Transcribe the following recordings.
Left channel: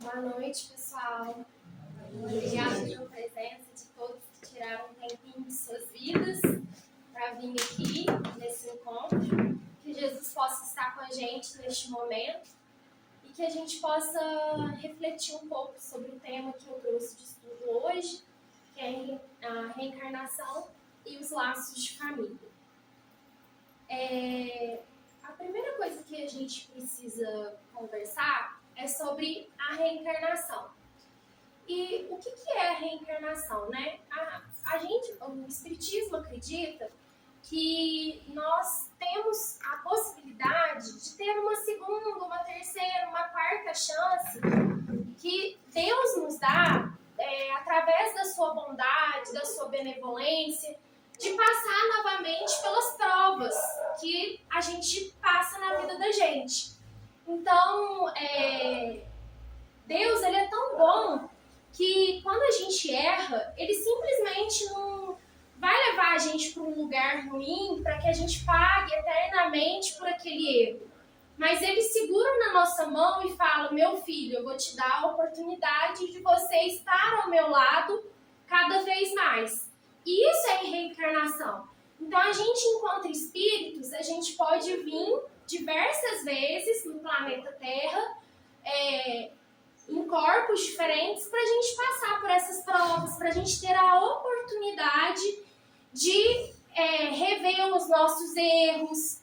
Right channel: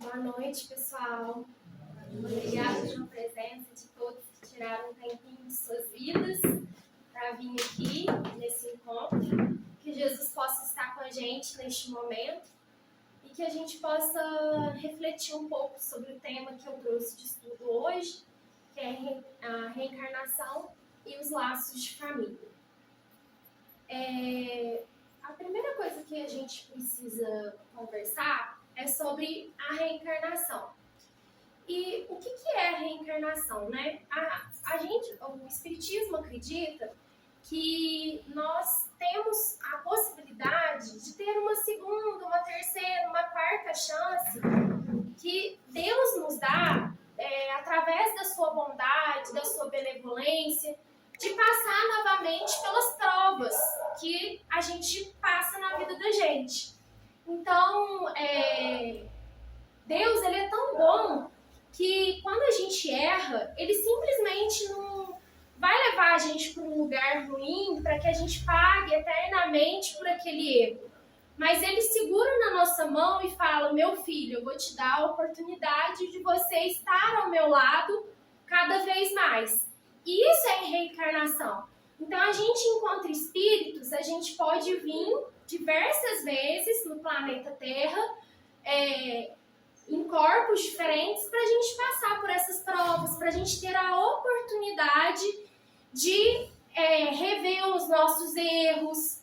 Boa noite, pessoal. Obrigada pela presença de todos que tiraram um tempinho de suas vidas para vir aqui nesse encontro. Que Jesus possa estar com a gente neste momento e que a gente possa refletir um pouco sobre o tema que eu trouxe de estudo hoje, que é a reencarnação e os laços de família. A primeira coisa que a gente precisa conversar é sobre a reencarnação. E o que é a reencarnação, né? O Espiritismo acredita que nós temos a possibilidade de ter uma segunda, uma terceira, uma quarta chance que Deus nos dá através da sua bondade, da sua benevolência, de passar novamente pelas provas que a gente passa na vida da gente. Então, Deus, ele é tão bom que quando a gente erra, ele simplesmente não vai levar a gente para um lugar ruim para que a gente pague eternamente por aquele erro. Mas ele segura na nossa mão e fala: meu filho, eu vou te dar a oportunidade de você estar ao meu lado cada vez mais. E isso é reencarnação. Então, a gente, enquanto espíritos, a gente pode vir diversas vezes no planeta Terra, em corpos diferentes, para a gente passar por essas provas, para a gente ter a oportunidade de rever os nossos erros,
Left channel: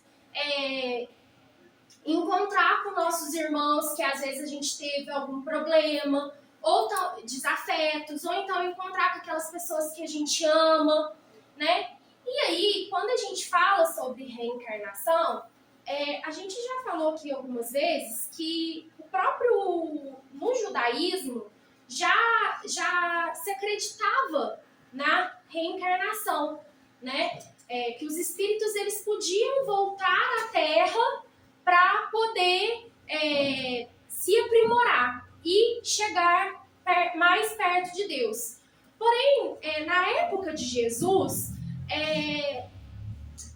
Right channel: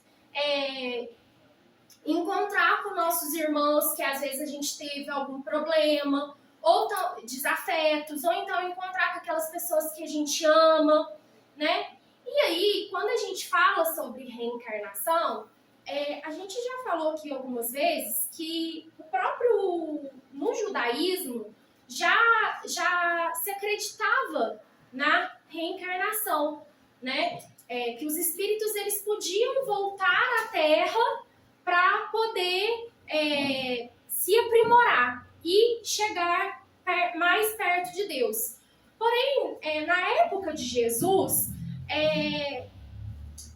encontrar com nossos irmãos que às vezes a gente teve algum problema, ou desafetos, ou então encontrar com aquelas pessoas que a gente ama, né? E aí, quando a gente fala sobre reencarnação, a gente já falou aqui algumas vezes que no judaísmo já se acreditava na reencarnação, né? Que os espíritos eles podiam voltar à Terra para poder se aprimorar e chegar mais perto de Deus. Porém, na época de Jesus,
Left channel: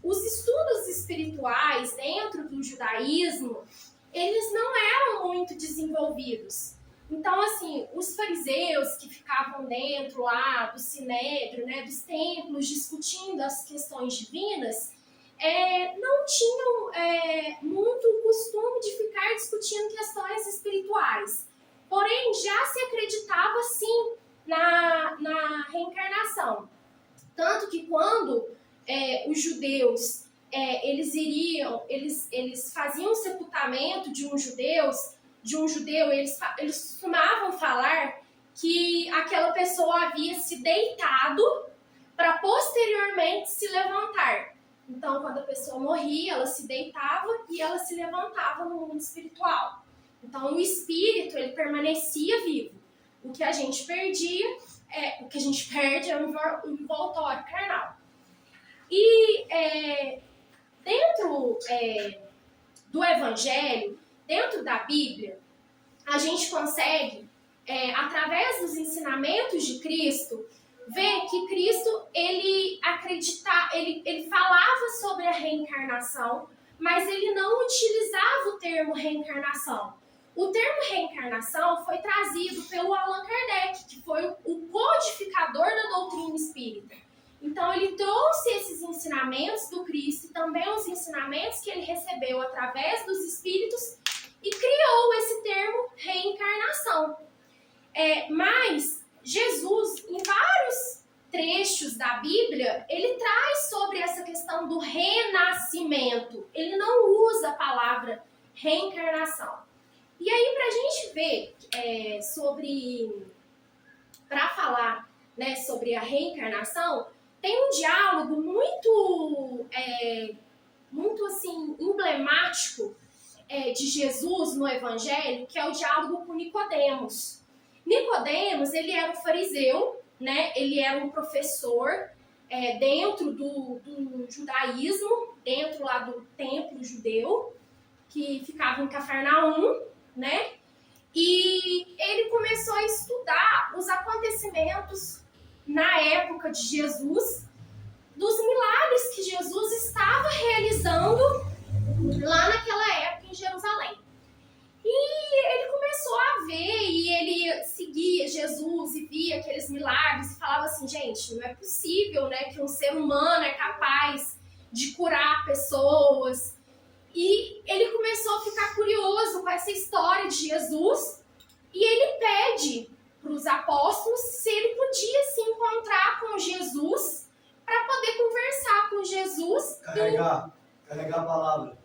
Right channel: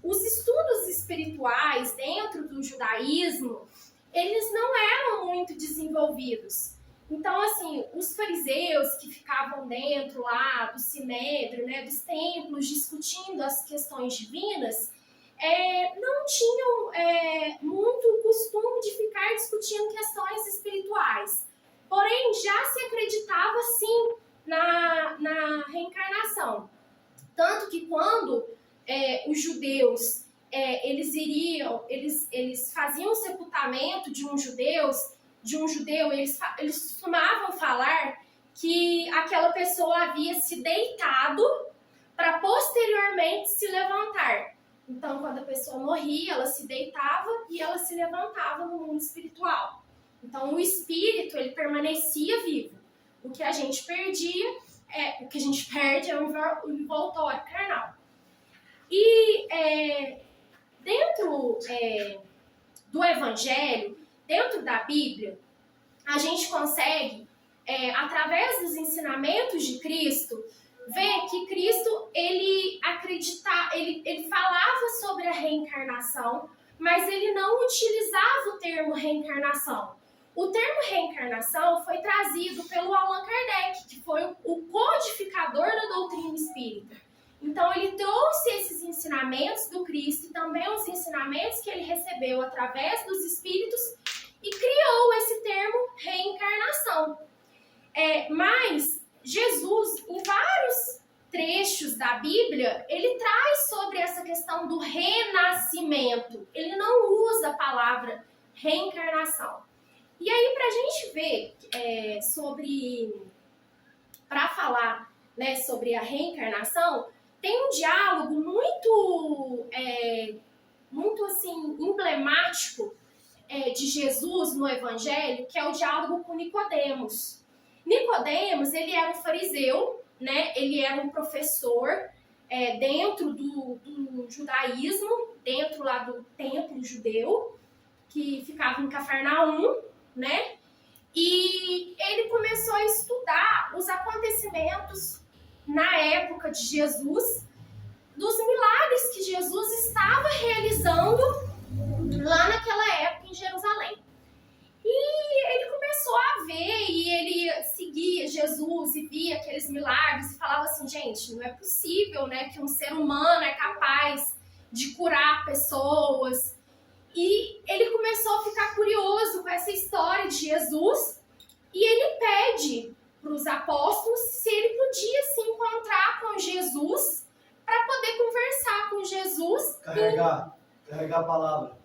os estudos espirituais dentro do judaísmo, eles não eram muito desenvolvidos. Então, assim, os fariseus que ficavam dentro lá do sinédrio, né, dos templos, discutindo as questões divinas, não tinham muito o costume de ficar discutindo questões espirituais. Porém, já se acreditava, sim, na reencarnação. Tanto que quando os judeus, eles faziam o sepultamento de um judeu, eles costumavam falar que aquela pessoa havia se deitado para posteriormente se levantar. Então, quando a pessoa morria, ela se deitava e ela se levantava no mundo espiritual. Então, o espírito, ele permanecia vivo. O que a gente perde é um envoltório carnal. E dentro do Evangelho, dentro da Bíblia, a gente consegue, através dos ensinamentos de Cristo, ver que Cristo ele falava sobre a reencarnação, mas ele não utilizava o termo reencarnação. O termo reencarnação foi trazido pelo Allan Kardec, que foi o codificador da doutrina espírita. Então, ele trouxe esses ensinamentos do Cristo e também os ensinamentos que ele recebeu através dos espíritos e criou esse termo reencarnação. Mas Jesus, em vários trechos da Bíblia, ele traz sobre essa questão do renascimento. Ele não usa a palavra reencarnação. E aí, para a gente ver para falar, né, sobre a reencarnação, tem um diálogo muito assim, emblemático de Jesus no Evangelho, que é o diálogo com Nicodemos. Nicodemos, ele era um fariseu, né? Ele era um professor dentro do judaísmo, dentro lá do templo judeu, que ficava em Cafarnaum, né? E ele começou a estudar os acontecimentos na época de Jesus, dos milagres que Jesus estava realizando lá naquela época em Jerusalém. E ele começou a ver, e gente, não é possível, né, que um ser humano é capaz de curar pessoas. E ele começou a ficar curioso com essa história de Jesus e ele pede para os apóstolos se ele podia se encontrar com Jesus para poder conversar com Jesus. Carregar a palavra.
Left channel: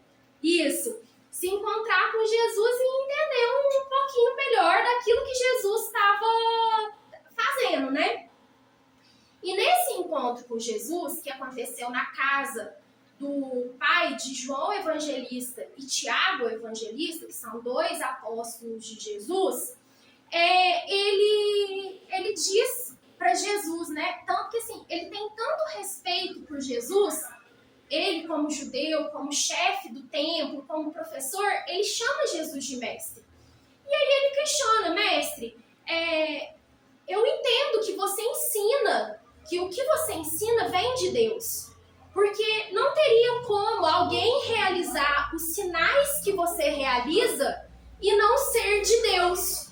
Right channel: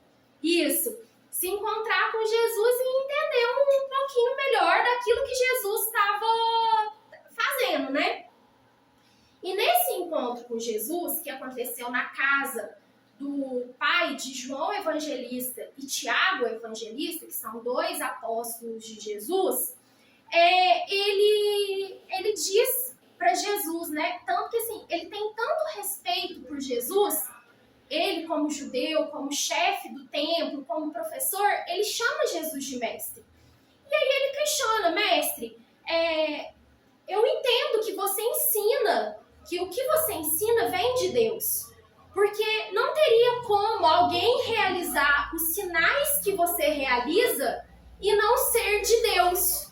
Isso. Se encontrar com Jesus e entender um pouquinho melhor daquilo que Jesus estava fazendo, né? E nesse encontro com Jesus, que aconteceu na casa do pai de João Evangelista e Tiago Evangelista, que são 2 apóstolos de Jesus, ele diz para Jesus, né? Tanto que assim, ele tem tanto respeito por Jesus, ele como judeu, como chefe do templo, como professor, ele chama Jesus de mestre. E aí ele questiona, mestre, eu entendo que você ensina, que o que você ensina vem de Deus. Porque não teria como alguém realizar os sinais que você realiza e não ser de Deus.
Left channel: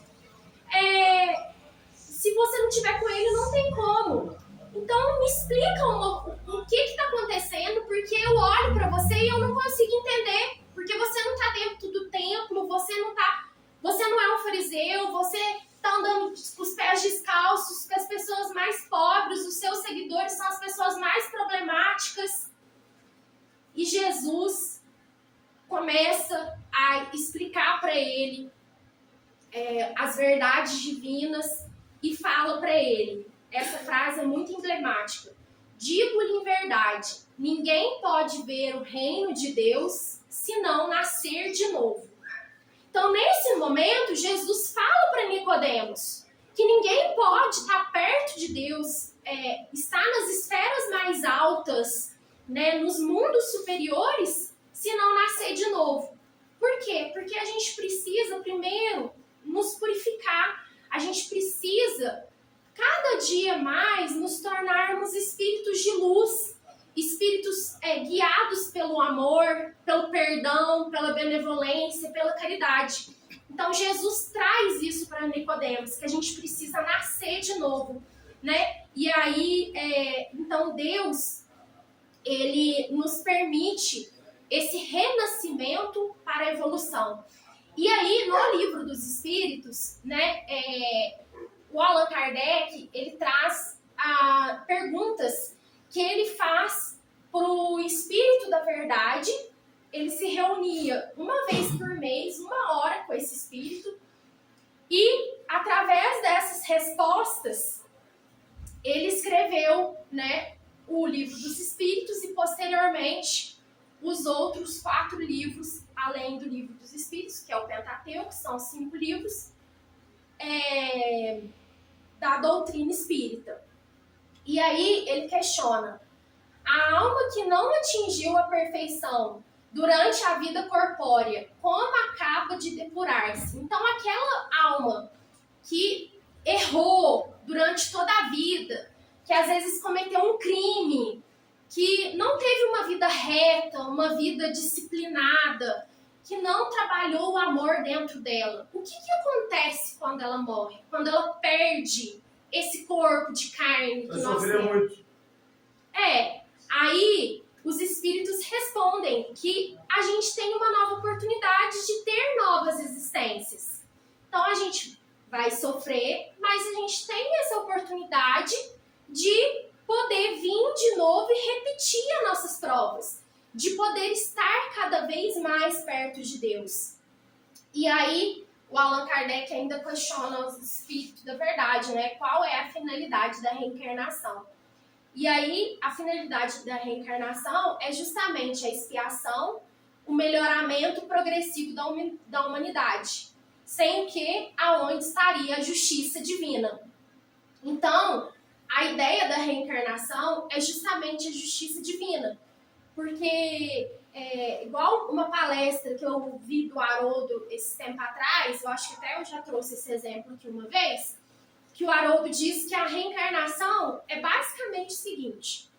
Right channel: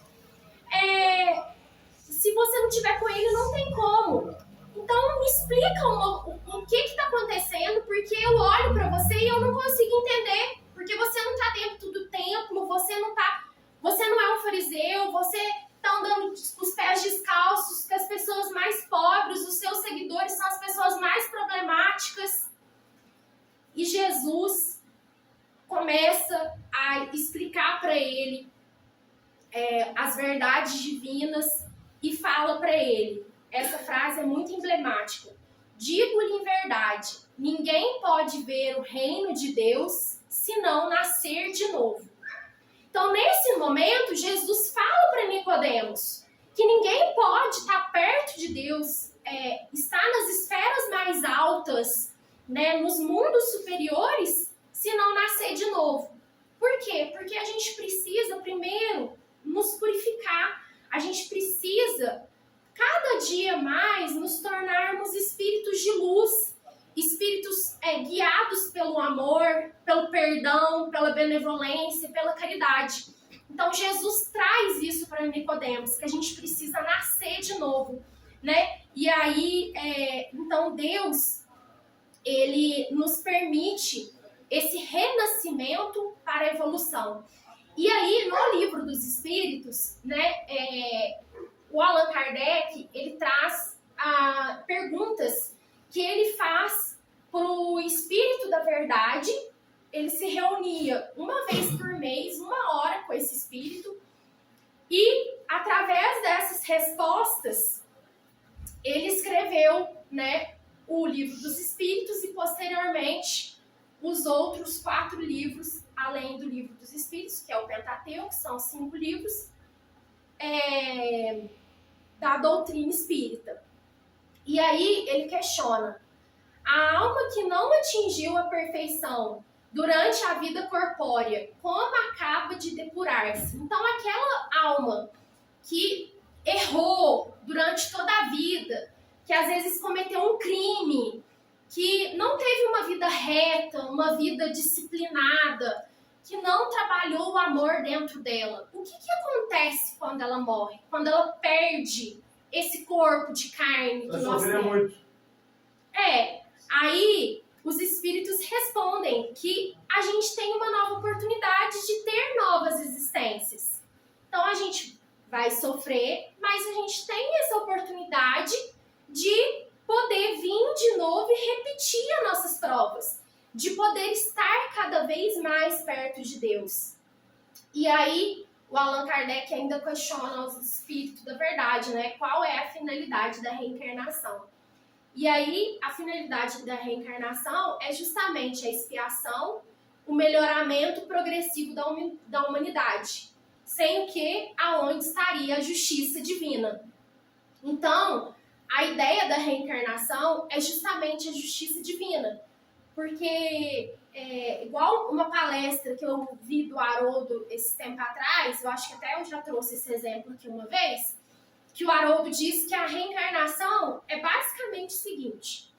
Se você não tiver com ele, não tem como. Então, me explica o que está acontecendo, porque eu olho para você e eu não consigo entender. Porque você não está dentro do templo, você não é um fariseu, você está andando com os pés descalços, com as pessoas mais pobres, os seus seguidores são as pessoas mais problemáticas. E Jesus começa a explicar para ele as verdades divinas e fala para ele, essa frase é muito emblemática: digo-lhe em verdade, ninguém pode ver o reino de Deus se não nascer de novo. Então, nesse momento, Jesus fala para Nicodemos que ninguém pode estar perto de Deus, estar nas esferas mais altas, né, nos mundos superiores, se não nascer de novo. Por quê? Porque a gente precisa primeiro nos purificar, a gente precisa cada dia mais nos tornarmos espíritos de luz, espíritos guiados pelo amor, pelo perdão, pela benevolência, pela caridade. Então Jesus traz isso para Nicodemos, que a gente precisa nascer de novo, né? E aí, então Deus, ele nos permite esse renascimento para a evolução. E aí, no Livro dos Espíritos, né, o Allan Kardec, ele traz perguntas que ele faz para o Espírito da Verdade. Ele se reunia uma vez por mês, 1 hora com esse Espírito, e através dessas respostas, ele escreveu, né, o Livro dos Espíritos e, posteriormente, os outros 4 livros, além do Livro dos Espíritos, que é o Pentateuco, que são 5 livros, da doutrina espírita. E aí ele questiona: a alma que não atingiu a perfeição durante a vida corpórea, como acaba de depurar-se? Então, aquela alma que errou durante toda a vida, que às vezes cometeu um crime, que não teve uma vida reta, uma vida disciplinada, que não trabalhou o amor dentro dela, o que acontece quando ela morre? Quando ela perde esse corpo de carne que nós temos? Muito. Aí os espíritos respondem que a gente tem uma nova oportunidade de ter novas existências. Então a gente vai sofrer, mas a gente tem essa oportunidade de poder vir de novo e repetir as nossas provas, de poder estar cada vez mais perto de Deus. E aí o Allan Kardec ainda questiona os espíritos da verdade, né? Qual é a finalidade da reencarnação? E aí, a finalidade da reencarnação é justamente a expiação, o melhoramento progressivo da humanidade, sem o que, aonde estaria a justiça divina. Então, a ideia da reencarnação é justamente a justiça divina, porque, igual uma palestra que eu vi do Haroldo esse tempo atrás, eu acho que até eu já trouxe esse exemplo aqui uma vez, que o Haroldo diz que a reencarnação é basicamente o seguinte:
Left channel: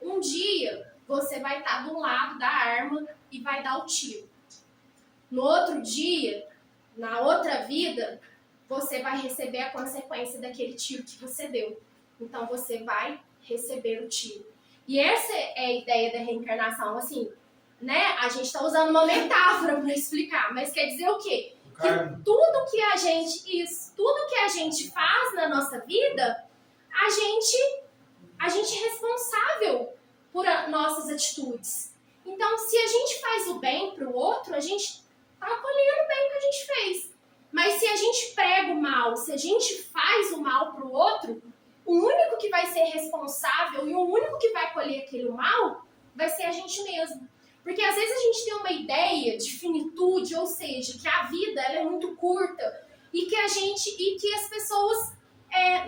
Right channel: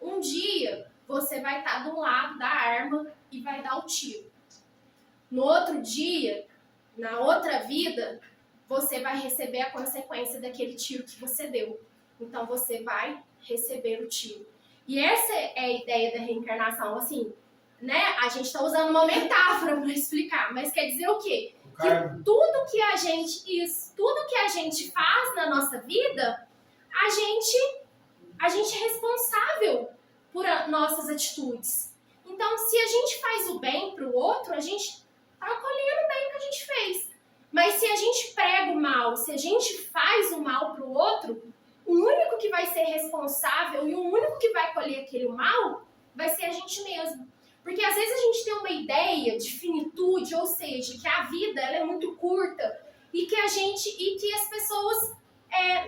um dia você vai estar do lado da arma e vai dar o tiro. No outro dia, na outra vida, você vai receber a consequência daquele tiro que você deu. então você vai receber o tiro. E essa é a ideia da reencarnação, assim, né? A gente está usando uma metáfora para explicar, mas quer dizer o quê? Que tudo que a gente faz na nossa vida, a gente é responsável por nossas atitudes. Então, se a gente faz o bem para o outro, a gente está colhendo o bem que a gente fez. Mas se a gente prega o mal, se a gente faz o mal para o outro, o único que vai ser responsável e o único que vai colher aquele mal vai ser a gente mesmo. Porque às vezes a gente tem uma ideia de finitude, ou seja, que a vida ela é muito curta e que as pessoas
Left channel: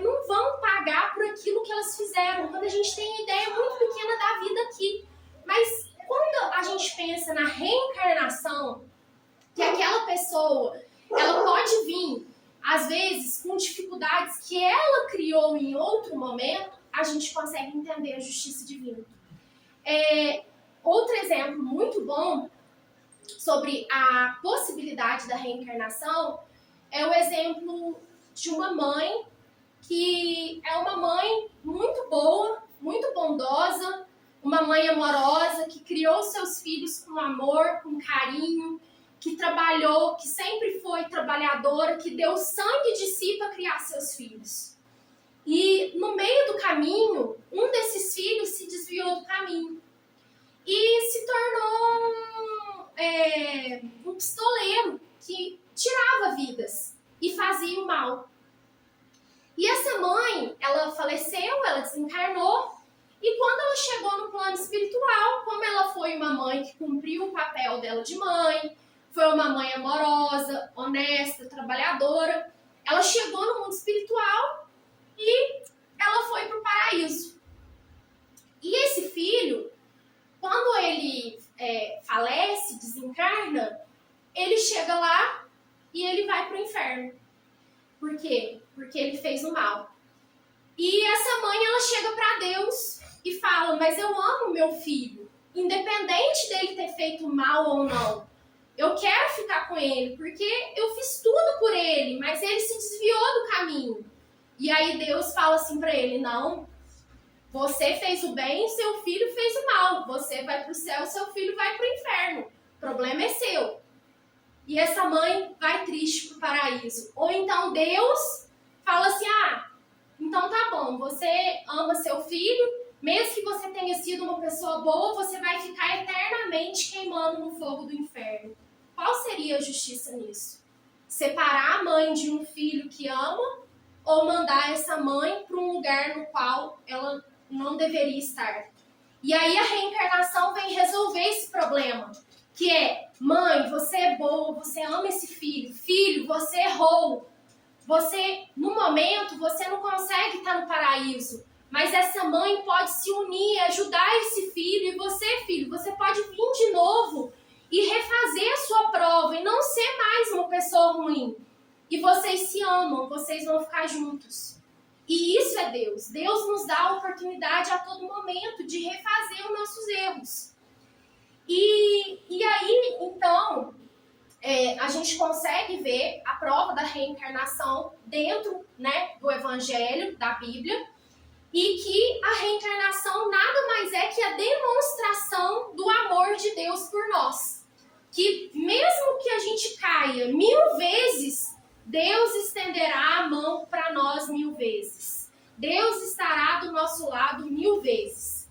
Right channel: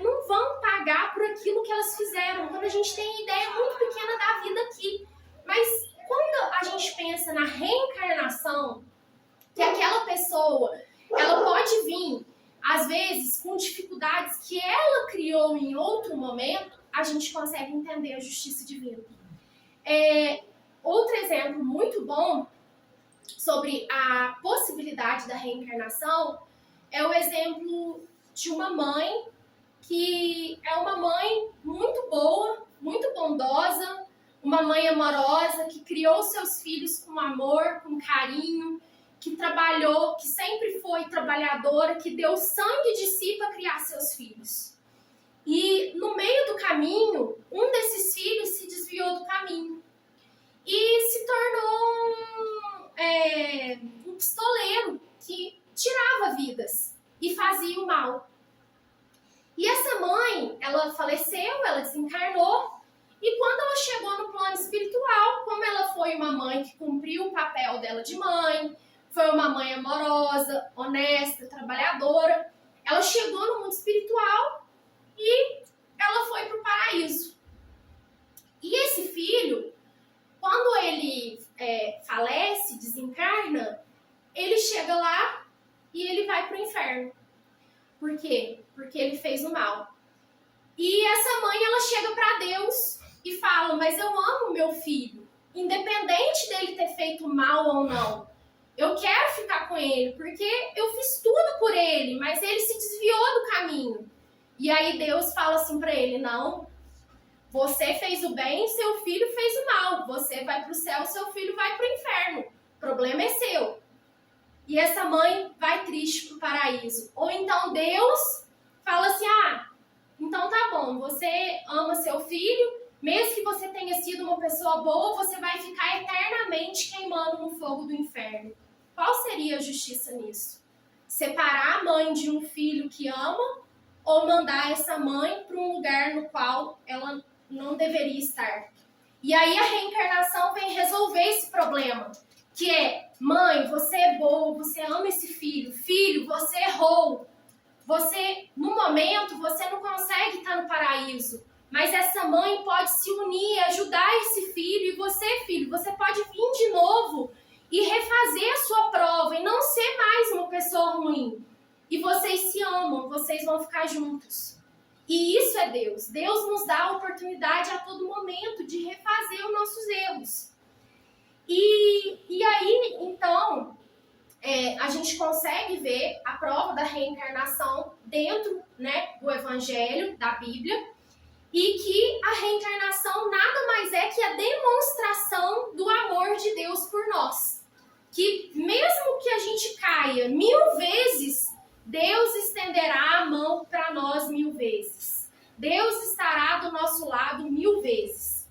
não vão pagar por aquilo que elas fizeram. Quando a gente tem a ideia muito pequena da vida aqui. Mas quando a gente pensa na reencarnação, que aquela pessoa ela pode vir, às vezes, com dificuldades que ela criou em outro momento, a gente consegue entender a justiça divina. Outro exemplo muito bom sobre a possibilidade da reencarnação é o exemplo de uma mãe que é uma mãe muito boa, muito bondosa, uma mãe amorosa que criou seus filhos com amor, com carinho, que trabalhou, que sempre foi trabalhadora, que deu sangue de si para criar seus filhos. E no meio do caminho, um desses filhos se desviou do caminho e se tornou um pistoleiro que tirava vidas e fazia o mal. E essa mãe, ela faleceu, ela desencarnou, e quando ela chegou no plano espiritual, como ela foi uma mãe que cumpriu o papel dela de mãe, foi uma mãe amorosa, honesta, trabalhadora, ela chegou no mundo espiritual e ela foi para o paraíso. E esse filho, quando ele falece, desencarna, ele chega lá e ele vai para o inferno. Por quê? Porque ele fez o mal. E essa mãe, ela chega para Deus e fala, mas eu amo meu filho, independente dele ter feito mal ou não. Eu quero ficar com ele, porque eu fiz tudo por ele, mas ele se desviou do caminho. E aí Deus fala assim para ele, não, você fez o bem, seu filho fez o mal. Você vai para o céu, seu filho vai para o inferno. O problema é seu. E essa mãe vai triste para o paraíso. Ou então Deus fala assim, então tá bom, você ama seu filho, mesmo que você tenha sido uma pessoa boa, você vai ficar eternamente queimando no fogo do inferno. Qual seria a justiça nisso? Separar a mãe de um filho que ama ou mandar essa mãe para um lugar no qual ela não deveria estar? E aí a reencarnação vem resolver esse problema, que é, mãe, você é boa, você ama esse filho, filho, você errou, no momento, você não consegue estar no paraíso, mas essa mãe pode se unir, ajudar esse filho, e você, filho, você pode vir de novo e refazer a sua prova e não ser mais uma pessoa ruim. E vocês se amam, vocês vão ficar juntos. E isso é Deus. Deus nos dá a oportunidade a todo momento de refazer os nossos erros. E aí, então, a gente consegue ver a prova da reencarnação dentro, né, do Evangelho, da Bíblia, e que a reencarnação nada mais é que a demonstração do amor de Deus por nós. Que mesmo que a gente caia 1000 vezes, Deus estenderá a mão para nós 1000 vezes. Deus estará do nosso lado 1000 vezes.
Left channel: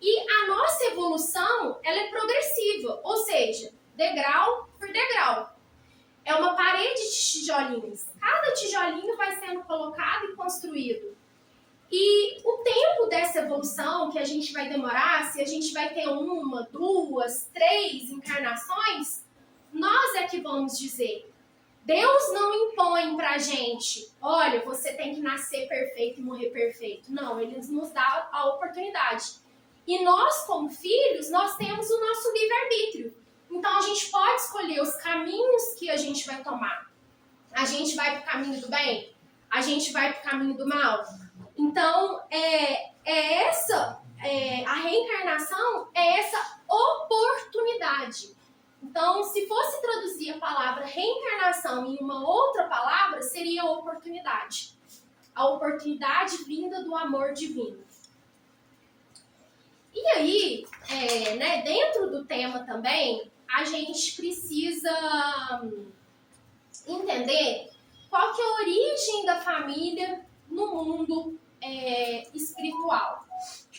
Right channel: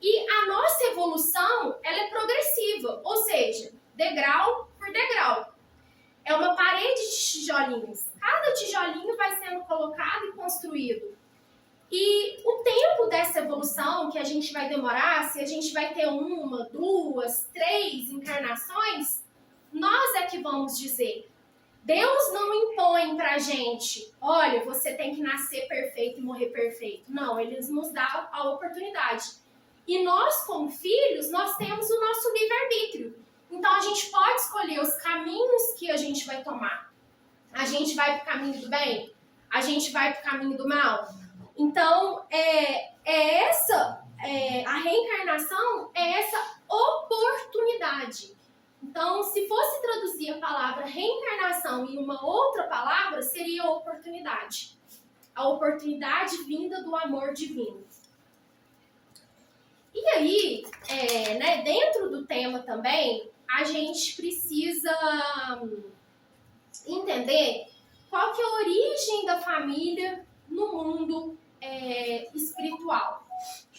E a nossa evolução, ela é progressiva, ou seja, degrau por degrau. É uma parede de tijolinhos. Cada tijolinho vai sendo colocado e construído. E o tempo dessa evolução que a gente vai demorar, se a gente vai ter 1, 2, 3 encarnações, nós é que vamos dizer. Deus não impõe pra gente, olha, você tem que nascer perfeito e morrer perfeito. Não, Ele nos dá a oportunidade. E nós, como filhos, nós temos o nosso livre-arbítrio. Então, a gente pode escolher os caminhos que a gente vai tomar. A gente vai pro caminho do bem? A gente vai pro caminho do mal? Então, a reencarnação é essa oportunidade. Então, se fosse traduzir a palavra reencarnação em uma outra palavra, seria oportunidade. a oportunidade vinda do amor divino. E aí, né, dentro do tema também, a gente precisa entender qual que é a origem da família no mundo espiritual.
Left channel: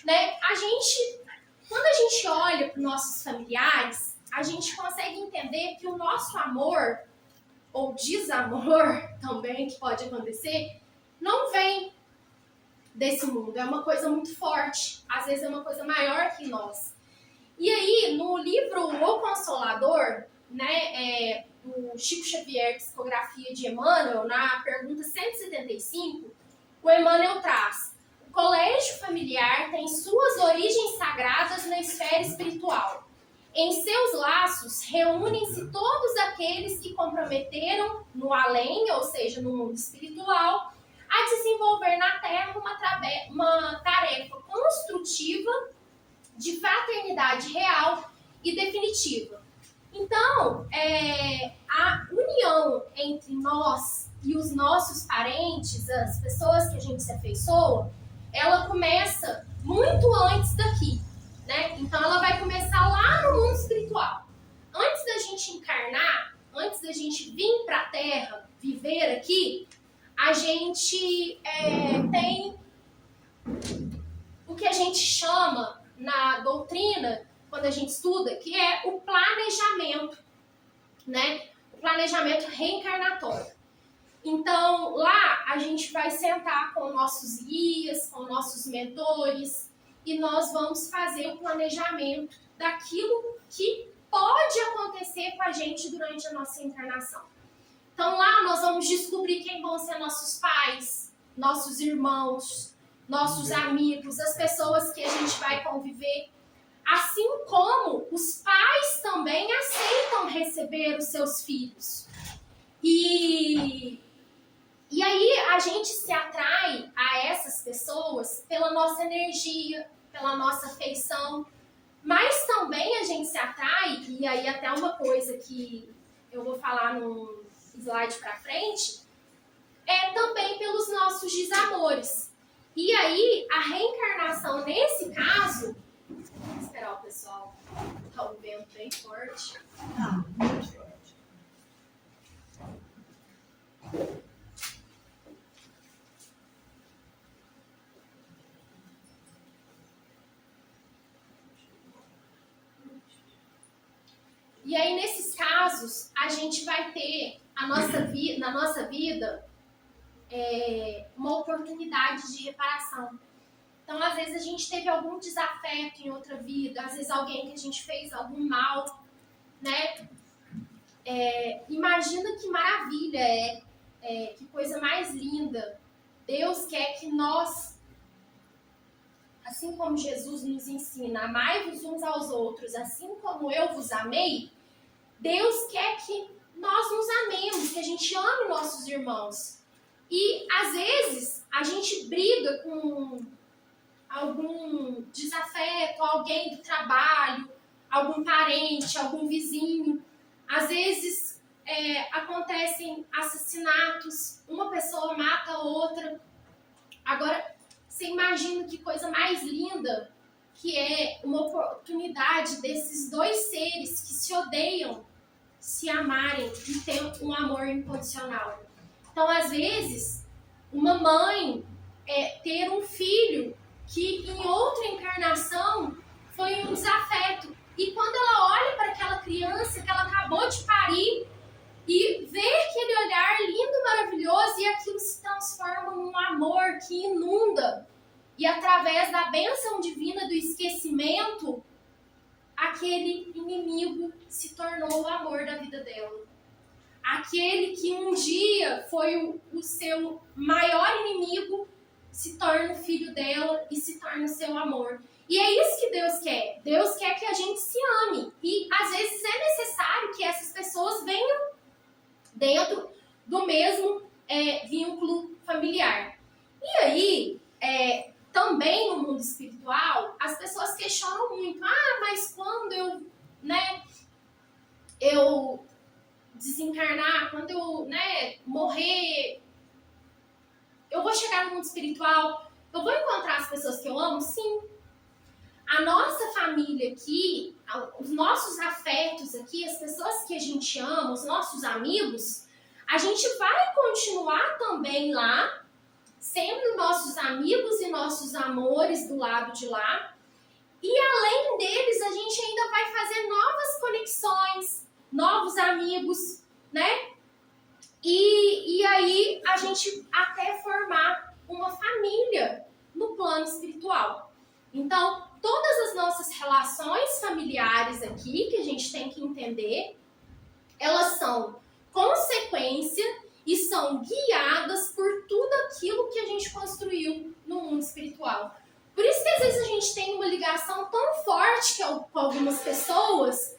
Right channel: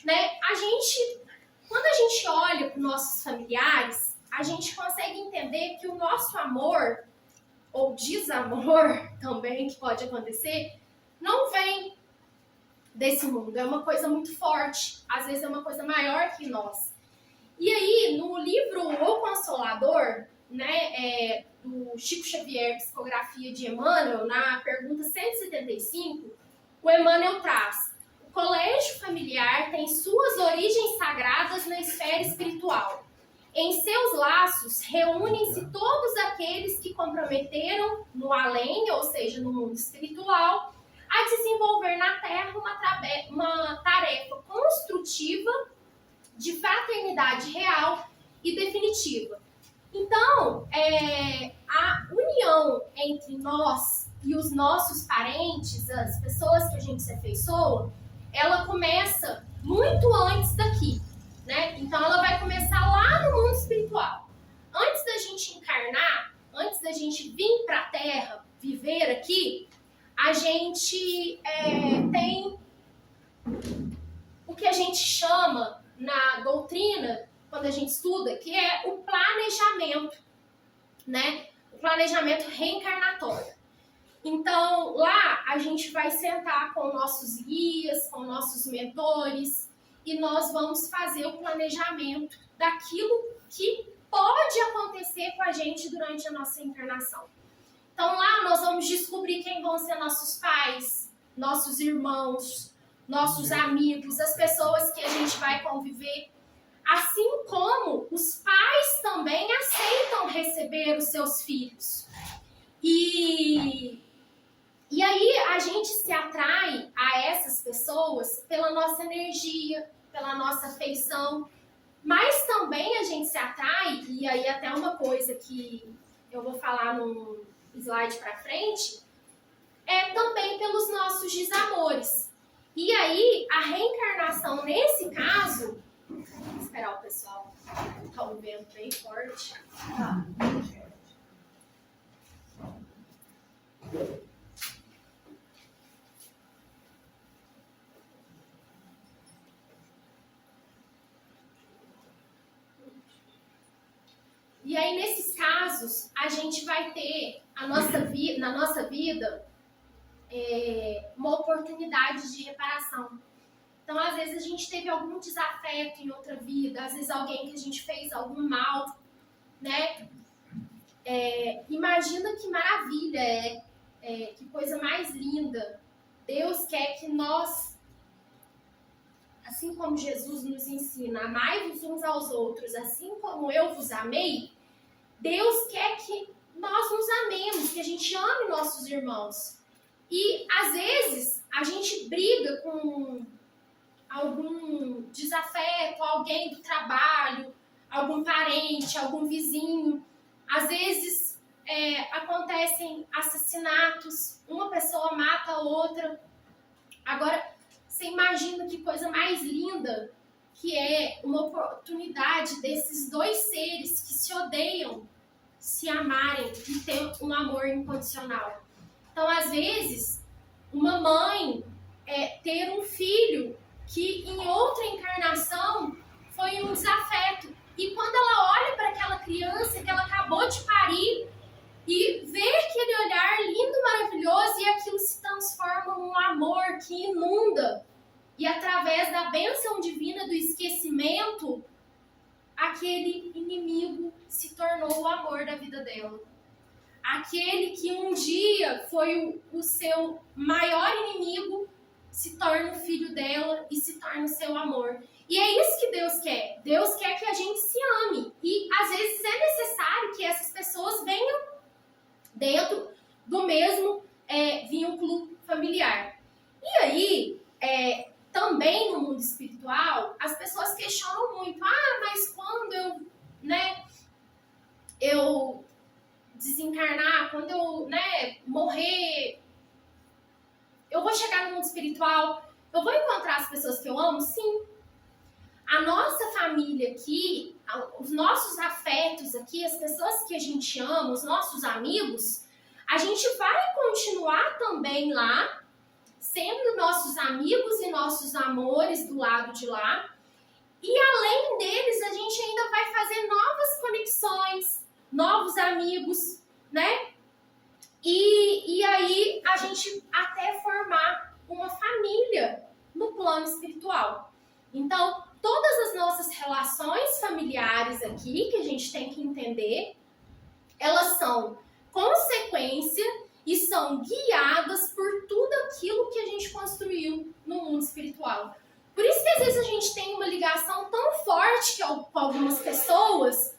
Né? Quando a gente olha para os nossos familiares, a gente consegue entender que o nosso amor, ou desamor também, que pode acontecer, não vem desse mundo. É uma coisa muito forte. Às vezes é uma coisa maior que nós. E aí, no livro O Consolador, né, do Chico Xavier, Psicografia de Emmanuel, na pergunta 175, o Emmanuel traz: o colégio familiar tem suas origens sagradas na esfera espiritual. Em seus laços reúnem-se todos aqueles que comprometeram no além, ou seja, no mundo espiritual, a desenvolver na Terra uma tarefa construtiva de fraternidade real e definitiva. Então, a união entre nós e os nossos parentes, as pessoas que a gente se afeiçoa, ela começa muito antes daqui, né? Então, ela vai começar lá no mundo espiritual. Antes da gente encarnar, antes da gente vir para a Terra, viver aqui, a gente tem o que a gente chama na doutrina, quando a gente estuda, que é o planejamento, né? O planejamento reencarnatório. Então, lá a gente vai sentar com nossos guias, com nossos mentores, e nós vamos fazer o planejamento daquilo que pode acontecer com a gente durante a nossa encarnação. Então, lá nós vamos descobrir quem vão ser nossos pais, nossos irmãos, nossos amigos, as pessoas que a gente vai conviver. Assim como os pais também aceitam receber os seus filhos. E aí a gente se atrai a essas pessoas pela nossa energia, pela nossa afeição, mas também a gente se atrai, e aí até uma coisa que eu vou falar no slide para frente, também pelos nossos desamores. E aí a reencarnação nesse caso, vou esperar o pessoal, tá um vento bem forte. E aí, nesses casos, a gente vai ter na nossa vida uma oportunidade de reparação. Então, às vezes, a gente teve algum desafeto em outra vida, às vezes alguém que a gente fez algum mal, né? Imagina que maravilha que coisa mais linda. Deus quer que nós, assim como Jesus nos ensina, amai-vos uns aos outros, assim como eu vos amei, Deus quer que nós nos amemos, que a gente ame nossos irmãos. E, às vezes, a gente briga com algum desafeto, alguém do trabalho, algum parente, algum vizinho. Às vezes, acontecem assassinatos, uma pessoa mata a outra. Agora, você imagina que coisa mais linda que é uma oportunidade desses dois seres que se odeiam se amarem e ter um amor incondicional. Então, às vezes, uma mãe ter um filho que em outra encarnação foi um desafeto. E quando ela olha para aquela criança que ela acabou de parir e vê aquele olhar lindo, maravilhoso, e aquilo se transforma num amor que inunda. E através da bênção divina do esquecimento, aquele inimigo se tornou o amor da vida dela. Aquele que um dia foi o seu maior inimigo se torna o filho dela e se torna o seu amor. E é isso que Deus quer. Deus quer que a gente se ame. E às vezes é necessário que essas pessoas venham dentro do mesmo vínculo familiar. E aí, também no mundo espiritual, as pessoas questionam muito. Mas quando eu desencarnar, quando eu morrer, eu vou chegar no mundo espiritual, eu vou encontrar as pessoas que eu amo? Sim. A nossa família aqui, os nossos afetos aqui, as pessoas que a gente ama, os nossos amigos, a gente vai continuar também lá, sendo nossos amigos e nossos amores do lado de lá. E além deles, a gente ainda vai fazer novas conexões, novos amigos, né? E aí a gente até formar uma família no plano espiritual. Então, todas as nossas relações familiares aqui, que a gente tem que entender, elas são consequência e são guiadas por tudo aquilo que a gente construiu no mundo espiritual. Por isso que às vezes a gente tem uma ligação tão forte com algumas pessoas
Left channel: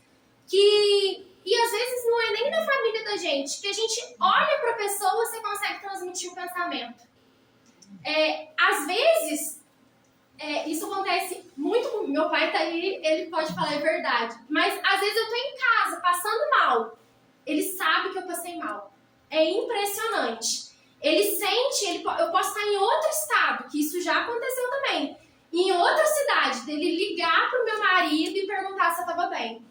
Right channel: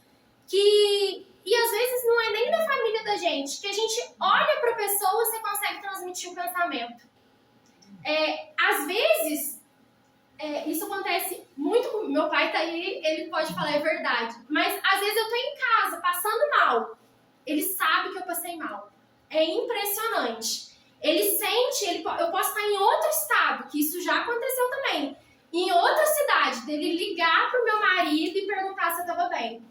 e às vezes não é nem da família da gente, que a gente olha para a pessoa e você consegue transmitir o pensamento. Às vezes, isso acontece muito com meu pai, tá aí, ele pode falar, é verdade. Mas às vezes eu tô em casa, passando mal. Ele sabe que eu passei mal. É impressionante. Ele sente, eu posso estar em outro estado, que isso já aconteceu também. Em outra cidade, dele ligar pro meu marido e perguntar se eu tava bem.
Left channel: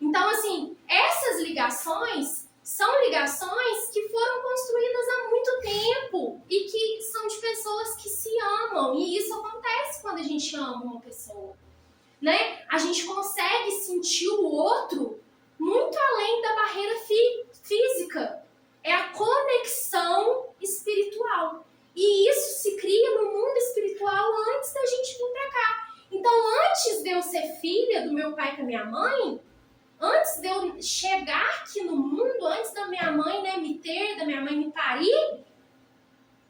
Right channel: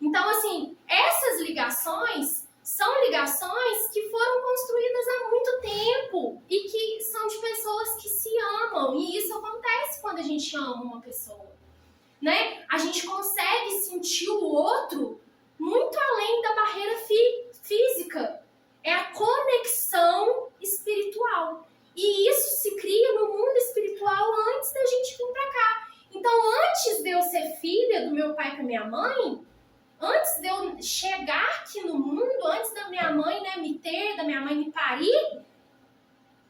Então, assim, essas ligações são ligações que foram construídas há muito tempo e que são de pessoas que se amam. E isso acontece quando a gente ama uma pessoa, né? A gente consegue sentir o outro muito além da barreira física. É a conexão espiritual. E isso se cria no mundo espiritual antes da gente vir pra cá. Então, antes de eu ser filha do meu pai e da minha mãe, antes de eu chegar aqui no mundo, antes da minha mãe, né, me ter, da minha mãe me parir,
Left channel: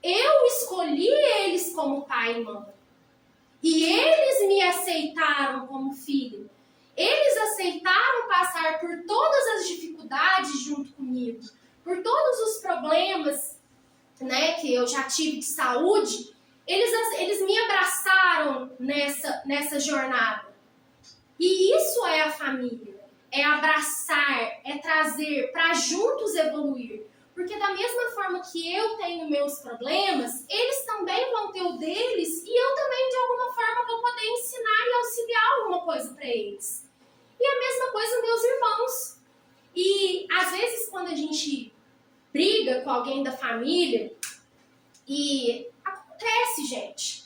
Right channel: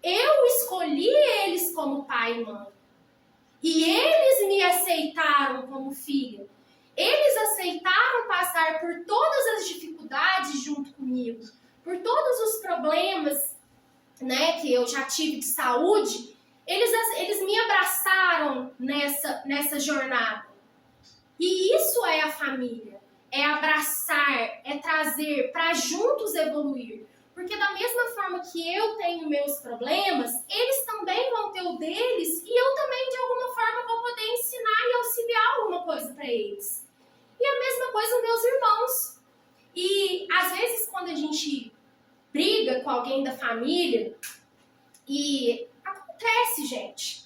eu escolhi eles como pai e mãe. E eles me aceitaram como filha. Eles aceitaram passar por todas as dificuldades junto comigo, por todos os problemas, né, que eu já tive de saúde. Eles me abraçaram nessa jornada. E isso é a família. É abraçar, é trazer para juntos evoluir. Porque da mesma forma que eu tenho meus problemas, eles também vão ter o deles e eu também, de alguma forma, vou poder ensinar e auxiliar alguma coisa para eles. E a mesma coisa meus irmãos. E, às vezes, quando a gente briga com alguém da família, e acontece, gente.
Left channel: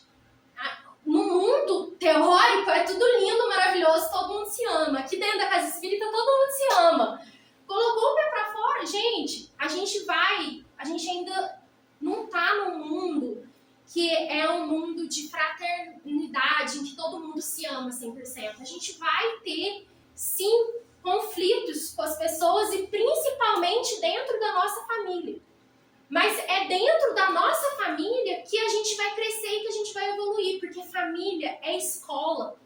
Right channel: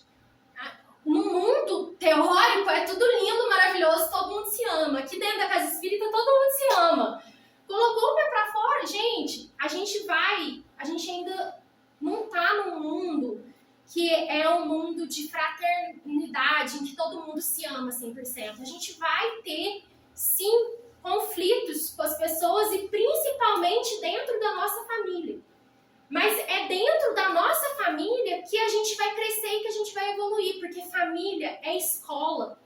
No mundo teórico é tudo lindo, maravilhoso, todo mundo se ama. Aqui dentro da casa espírita todo mundo se ama. Colocou o pé pra fora, gente, a gente ainda não tá num mundo que é um mundo de fraternidade, em que todo mundo se ama 100%. A gente vai ter, sim, conflitos com as pessoas e principalmente dentro da nossa família. Mas é dentro da nossa família que a gente vai crescer e que a gente vai evoluir, porque família é escola.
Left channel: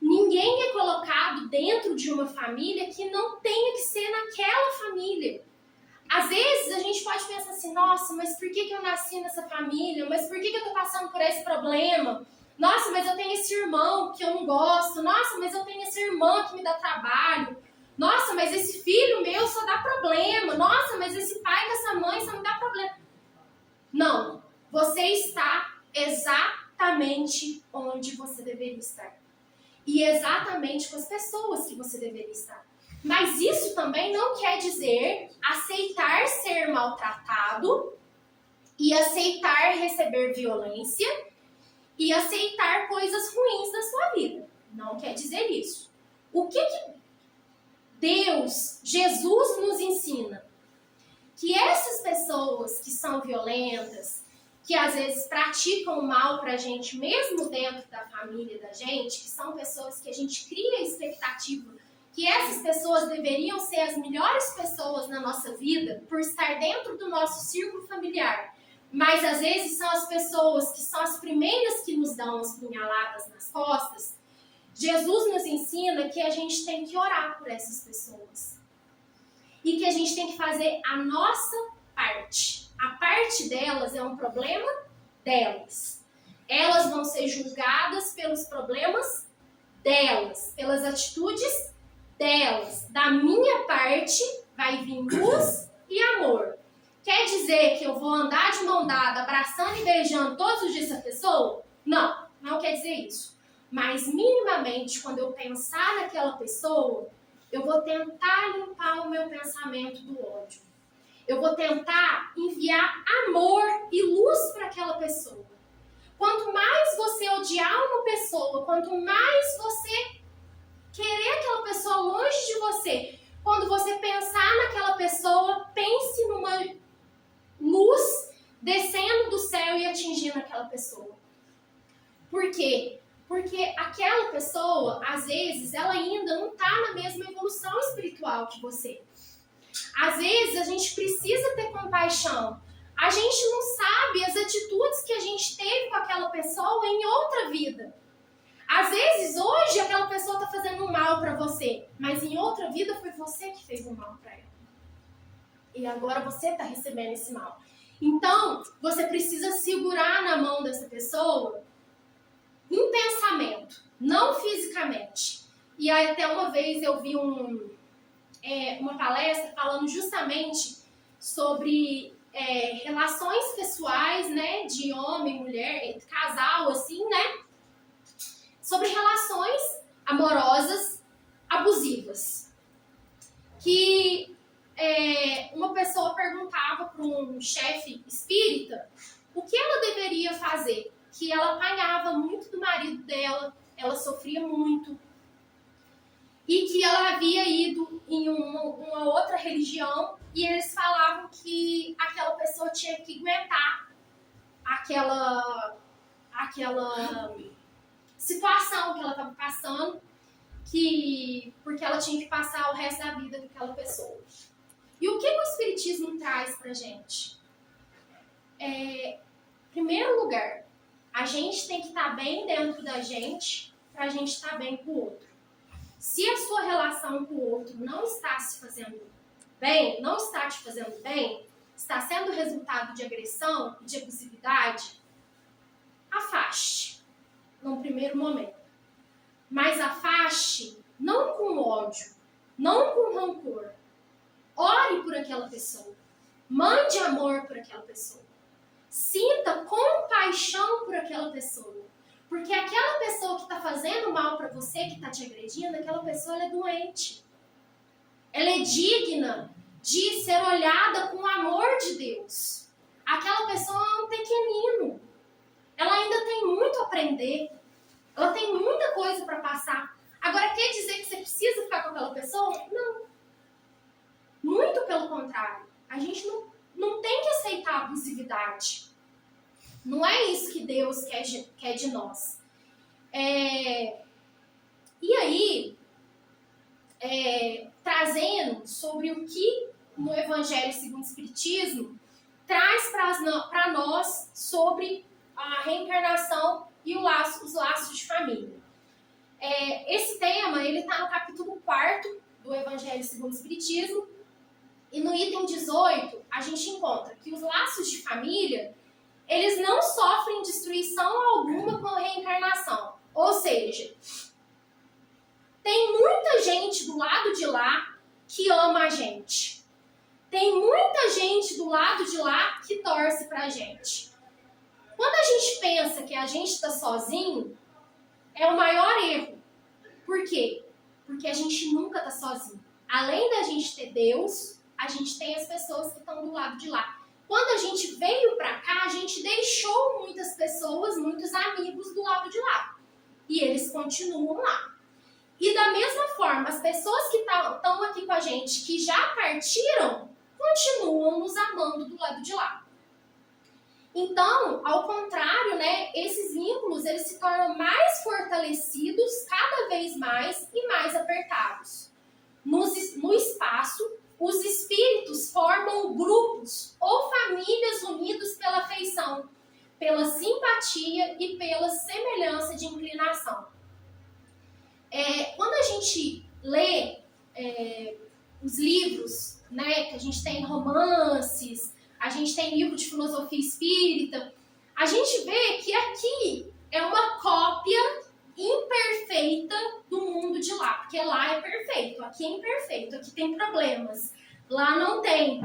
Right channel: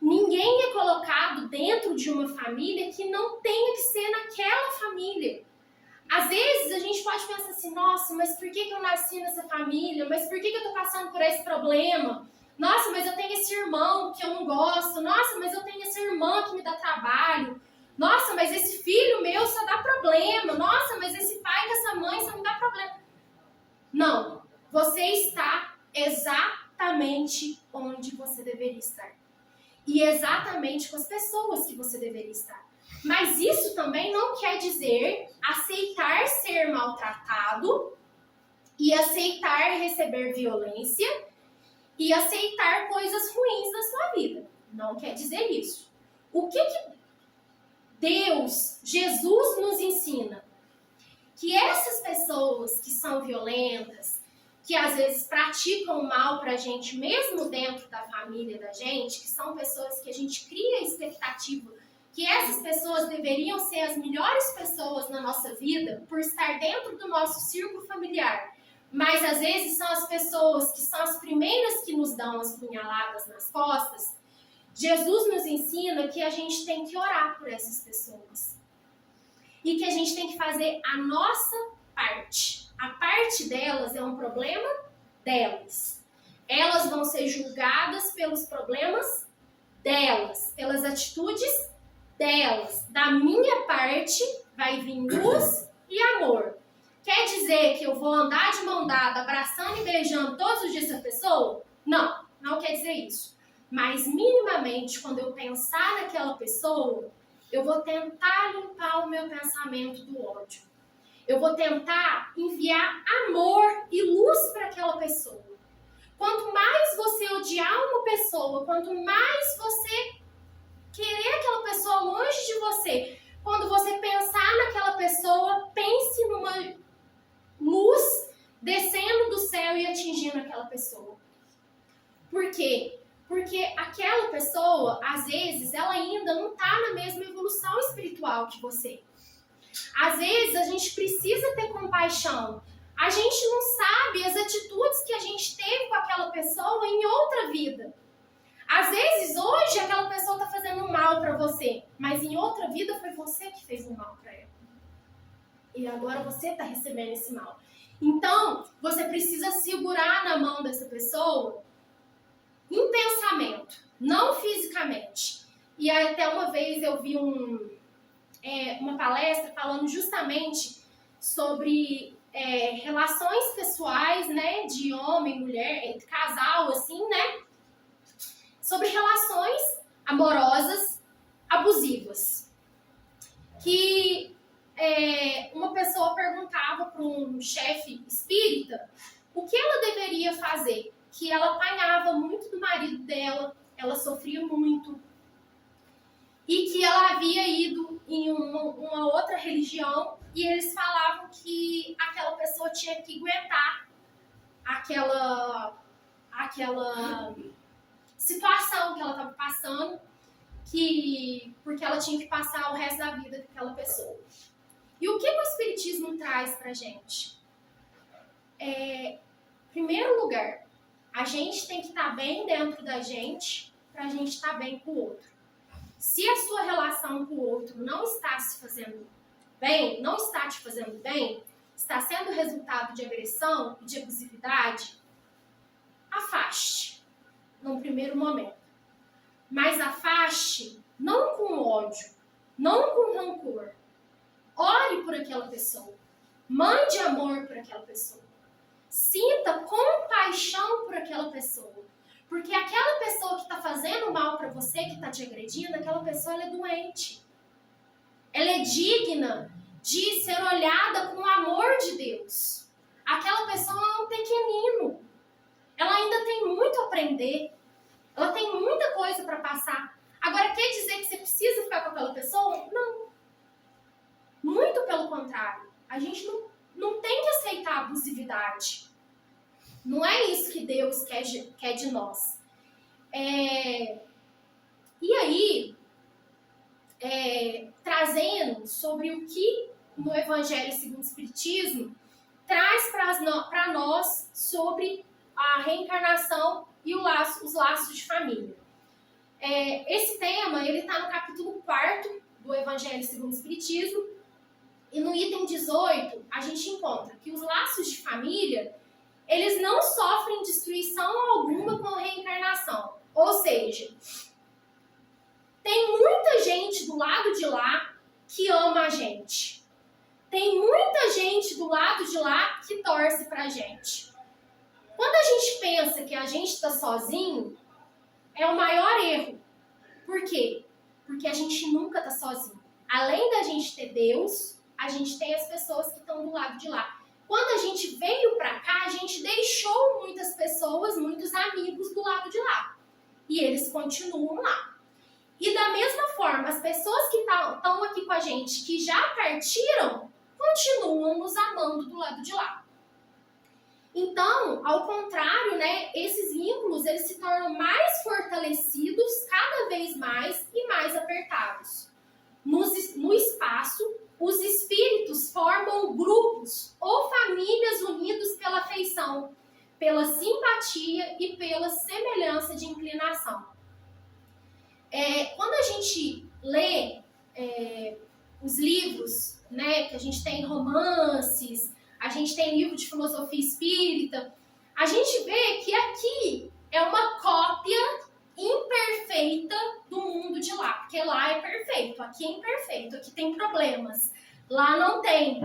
Ninguém é colocado dentro de uma família que não tenha que ser naquela família. Às vezes a gente pode pensar assim, nossa, mas por que eu nasci nessa família? Mas por que eu tô passando por esse problema? Nossa, mas eu tenho esse irmão que eu não gosto. Nossa, mas eu tenho essa irmã que me dá trabalho. Nossa, mas esse filho meu só dá problema. Nossa, mas esse pai dessa mãe só me dá problema. Não, você está exatamente onde você deveria estar. E exatamente com as pessoas que você deveria estar. Mas isso também não quer dizer aceitar ser maltratado e aceitar receber violência e aceitar coisas ruins na sua vida. Não quer dizer isso. O que Deus, Jesus nos ensina? Que essas pessoas que são violentas, que às vezes praticam mal pra gente, mesmo dentro da família da gente, que são pessoas que a gente cria expectativa que essas pessoas deveriam ser as melhores pessoas na nossa vida por estar dentro do nosso círculo familiar. Mas às vezes são as pessoas que são as primeiras que nos dão as punhaladas nas costas. Jesus nos ensina que a gente tem que orar por essas pessoas. E que a gente tem que fazer a nossa parte. A parte delas é um problema delas. Elas vão ser julgadas pelos problemas delas, pelas atitudes delas. Da minha parte vai vir luz e amor. Quer dizer dizer que eu vou andar de mão dada, abraçando e beijando todos os dias essa pessoa? Não, não quer dizer isso. Mas minimamente, quando eu pensar naquela pessoa, eu vou tentar limpar o meu pensamento do ódio. Eu vou tentar enviar amor e luz para aquela pessoa. Quanto mais você odiar uma pessoa, quanto mais você querer aquela pessoa longe de você, quando você pensar naquela pessoa, pense numa luz descendo do céu e atingindo aquela pessoa. Por quê? Porque aquela pessoa, às vezes, ela ainda não está na mesma evolução espiritual que você. Às vezes, a gente precisa ter compaixão. A gente não sabe as atitudes que a gente teve com aquela pessoa em outra vida. Às vezes, hoje, aquela pessoa está fazendo mal para você, mas em outra vida foi você que fez um mal para ela. E agora você está recebendo esse mal. Então, você precisa segurar na mão dessa pessoa em pensamento, não fisicamente. E aí, até uma vez eu vi uma palestra falando justamente sobre relações pessoais, né, de homem, mulher, casal, assim, né, sobre relações amorosas abusivas. Que uma pessoa perguntava para um chefe espírita o que ela deveria fazer, que ela apanhava muito do marido dela, ela sofria muito, e que ela havia ido em uma outra religião e eles falavam que aquela pessoa tinha que aguentar aquela situação que ela estava passando, porque ela tinha que passar o resto da vida com aquela pessoa. E o que o Espiritismo traz pra gente? Em primeiro lugar, a gente tem que estar bem dentro da gente pra gente estar bem com o outro. Se a sua relação com o outro não está se fazendo bem, não está te fazendo bem, está sendo resultado de agressão e de abusividade, afaste num primeiro momento. Mas afaste não com ódio, não com rancor. Ore por aquela pessoa. Mande amor por aquela pessoa. Sinta compaixão por aquela pessoa. Porque aquela pessoa que está fazendo mal para você, que está te agredindo, aquela pessoa ela é doente. Ela é digna de ser olhada com o amor de Deus. Aquela pessoa é um pequenino. Ela ainda tem muito a aprender. Ela tem muita coisa para passar. Agora, quer dizer que você precisa ficar com aquela pessoa? Não. Muito pelo contrário. A gente não tem que aceitar a abusividade. Não é isso que Deus quer de nós. E aí, trazendo sobre o que no Evangelho segundo o Espiritismo traz para nós sobre a reencarnação e os laços de família. Esse tema está no capítulo 4 do Evangelho segundo o Espiritismo, e no item 18 a gente encontra que os laços de família eles não sofrem destruição alguma com a reencarnação. Ou seja, tem muita gente do lado de lá que ama a gente. Tem muita gente do lado de lá que torce pra gente. Quando a gente pensa que a gente está sozinho, é o maior erro. Por quê? Porque a gente nunca está sozinho. Além da gente ter Deus, a gente tem as pessoas que estão do lado de lá. Quando a gente veio pra cá, a gente deixou muitas pessoas, muitos amigos do lado de lá. E eles continuam lá. E da mesma forma, as pessoas que estão aqui com a gente, que já partiram, continuam nos amando do lado de lá. Então, ao contrário, né, esses vínculos eles se tornam mais fortalecidos cada vez mais e mais apertados. No espaço, os espíritos formam grupos ou famílias unidos pela afeição, pela simpatia e pela semelhança de inclinação. Quando a gente lê os livros, né, que a gente tem romances, a gente tem livro de filosofia espírita, a gente vê que aqui é uma cópia imperfeita do mundo de lá, porque lá é perfeito, aqui é imperfeito, aqui tem problemas, lá não tem.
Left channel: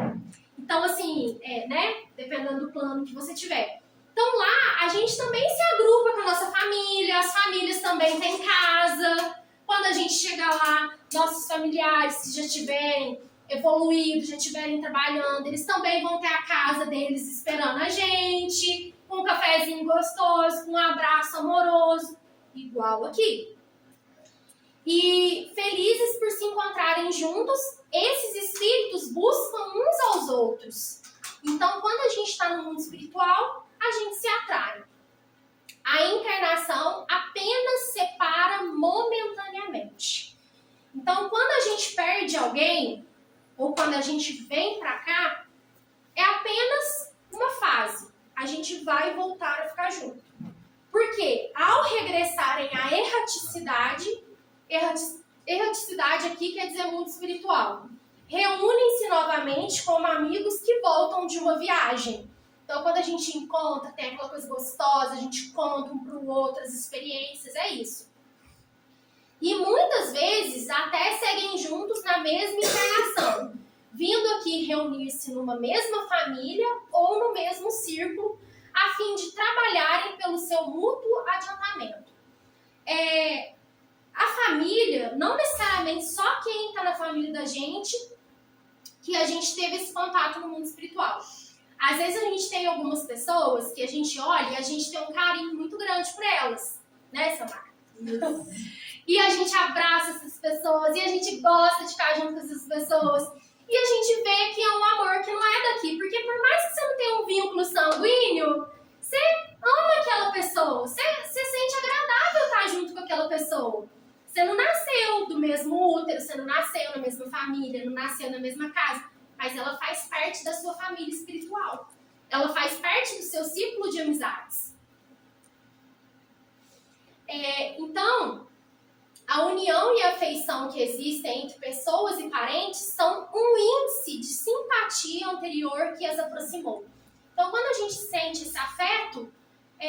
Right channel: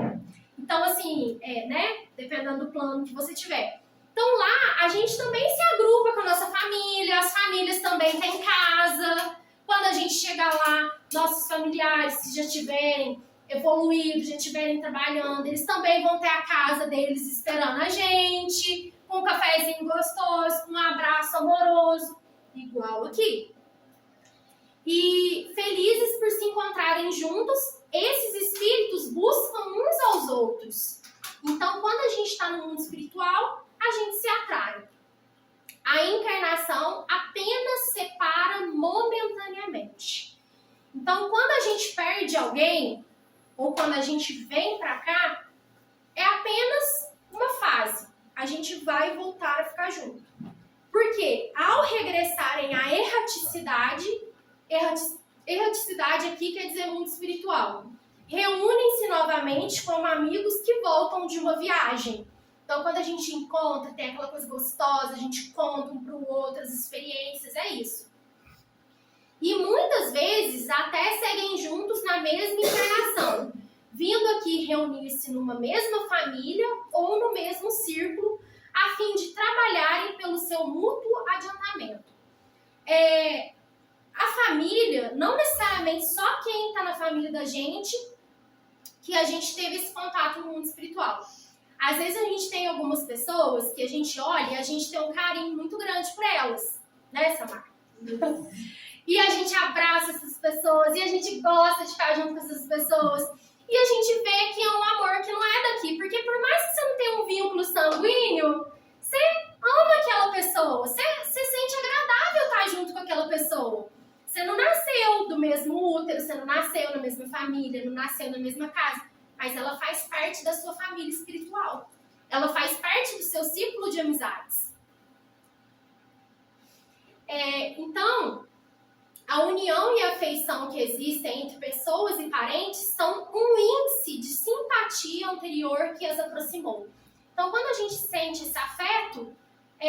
Então, assim, né? Dependendo do plano que você tiver. Então, lá, a gente também se agrupa com a nossa família, as famílias também têm casa. Quando a gente chegar lá, nossos familiares, se já tiverem evoluído, já estiverem trabalhando, eles também vão ter a casa deles esperando a gente, com um cafezinho gostoso, com um abraço amoroso, igual aqui. E felizes por se encontrarem juntos, esses espíritos buscam uns aos outros. Então, quando a gente está no mundo espiritual, a gente se atrai. A encarnação apenas separa momentaneamente. Então, quando a gente perde alguém, ou quando a gente vem para cá, é apenas uma fase. A gente vai voltar a ficar junto. Porque ao regressarem à erraticidade aqui quer dizer mundo espiritual, reúnem-se novamente como amigos que voltam de uma viagem. Então, quando a gente encontra, tem aquela coisa gostosa, a gente conta um para o outro as experiências, é isso. E muitas vezes até seguem juntos na mesma encarnação, vindo aqui reunir-se numa mesma família ou no mesmo círculo, a fim de trabalharem pelo seu mútuo adiantamento. A família, não necessariamente só quem está na família da gente, que a gente teve esse contato no mundo espiritual. Às vezes a gente tem algumas pessoas que a gente olha e a gente tem um carinho muito grande por elas, né, Samara? E a gente abraça essas pessoas, e a gente gosta de ficar junto com essas pessoas. E a gente vê que é um amor que não é daqui. Porque por mais que você não tenha um vínculo sanguíneo, você ama aquela pessoa. Você sente agradável estar junto com aquela pessoa. Você não nasceu do mesmo útero, você não nasceu na mesma família, não nasceu na mesma casa. Mas ela faz parte da sua família espiritual. Ela faz parte do seu círculo de amizades. Então, a união e a afeição que existem entre pessoas e parentes são um índice de simpatia anterior que as aproximou. Então, quando a gente sente esse afeto,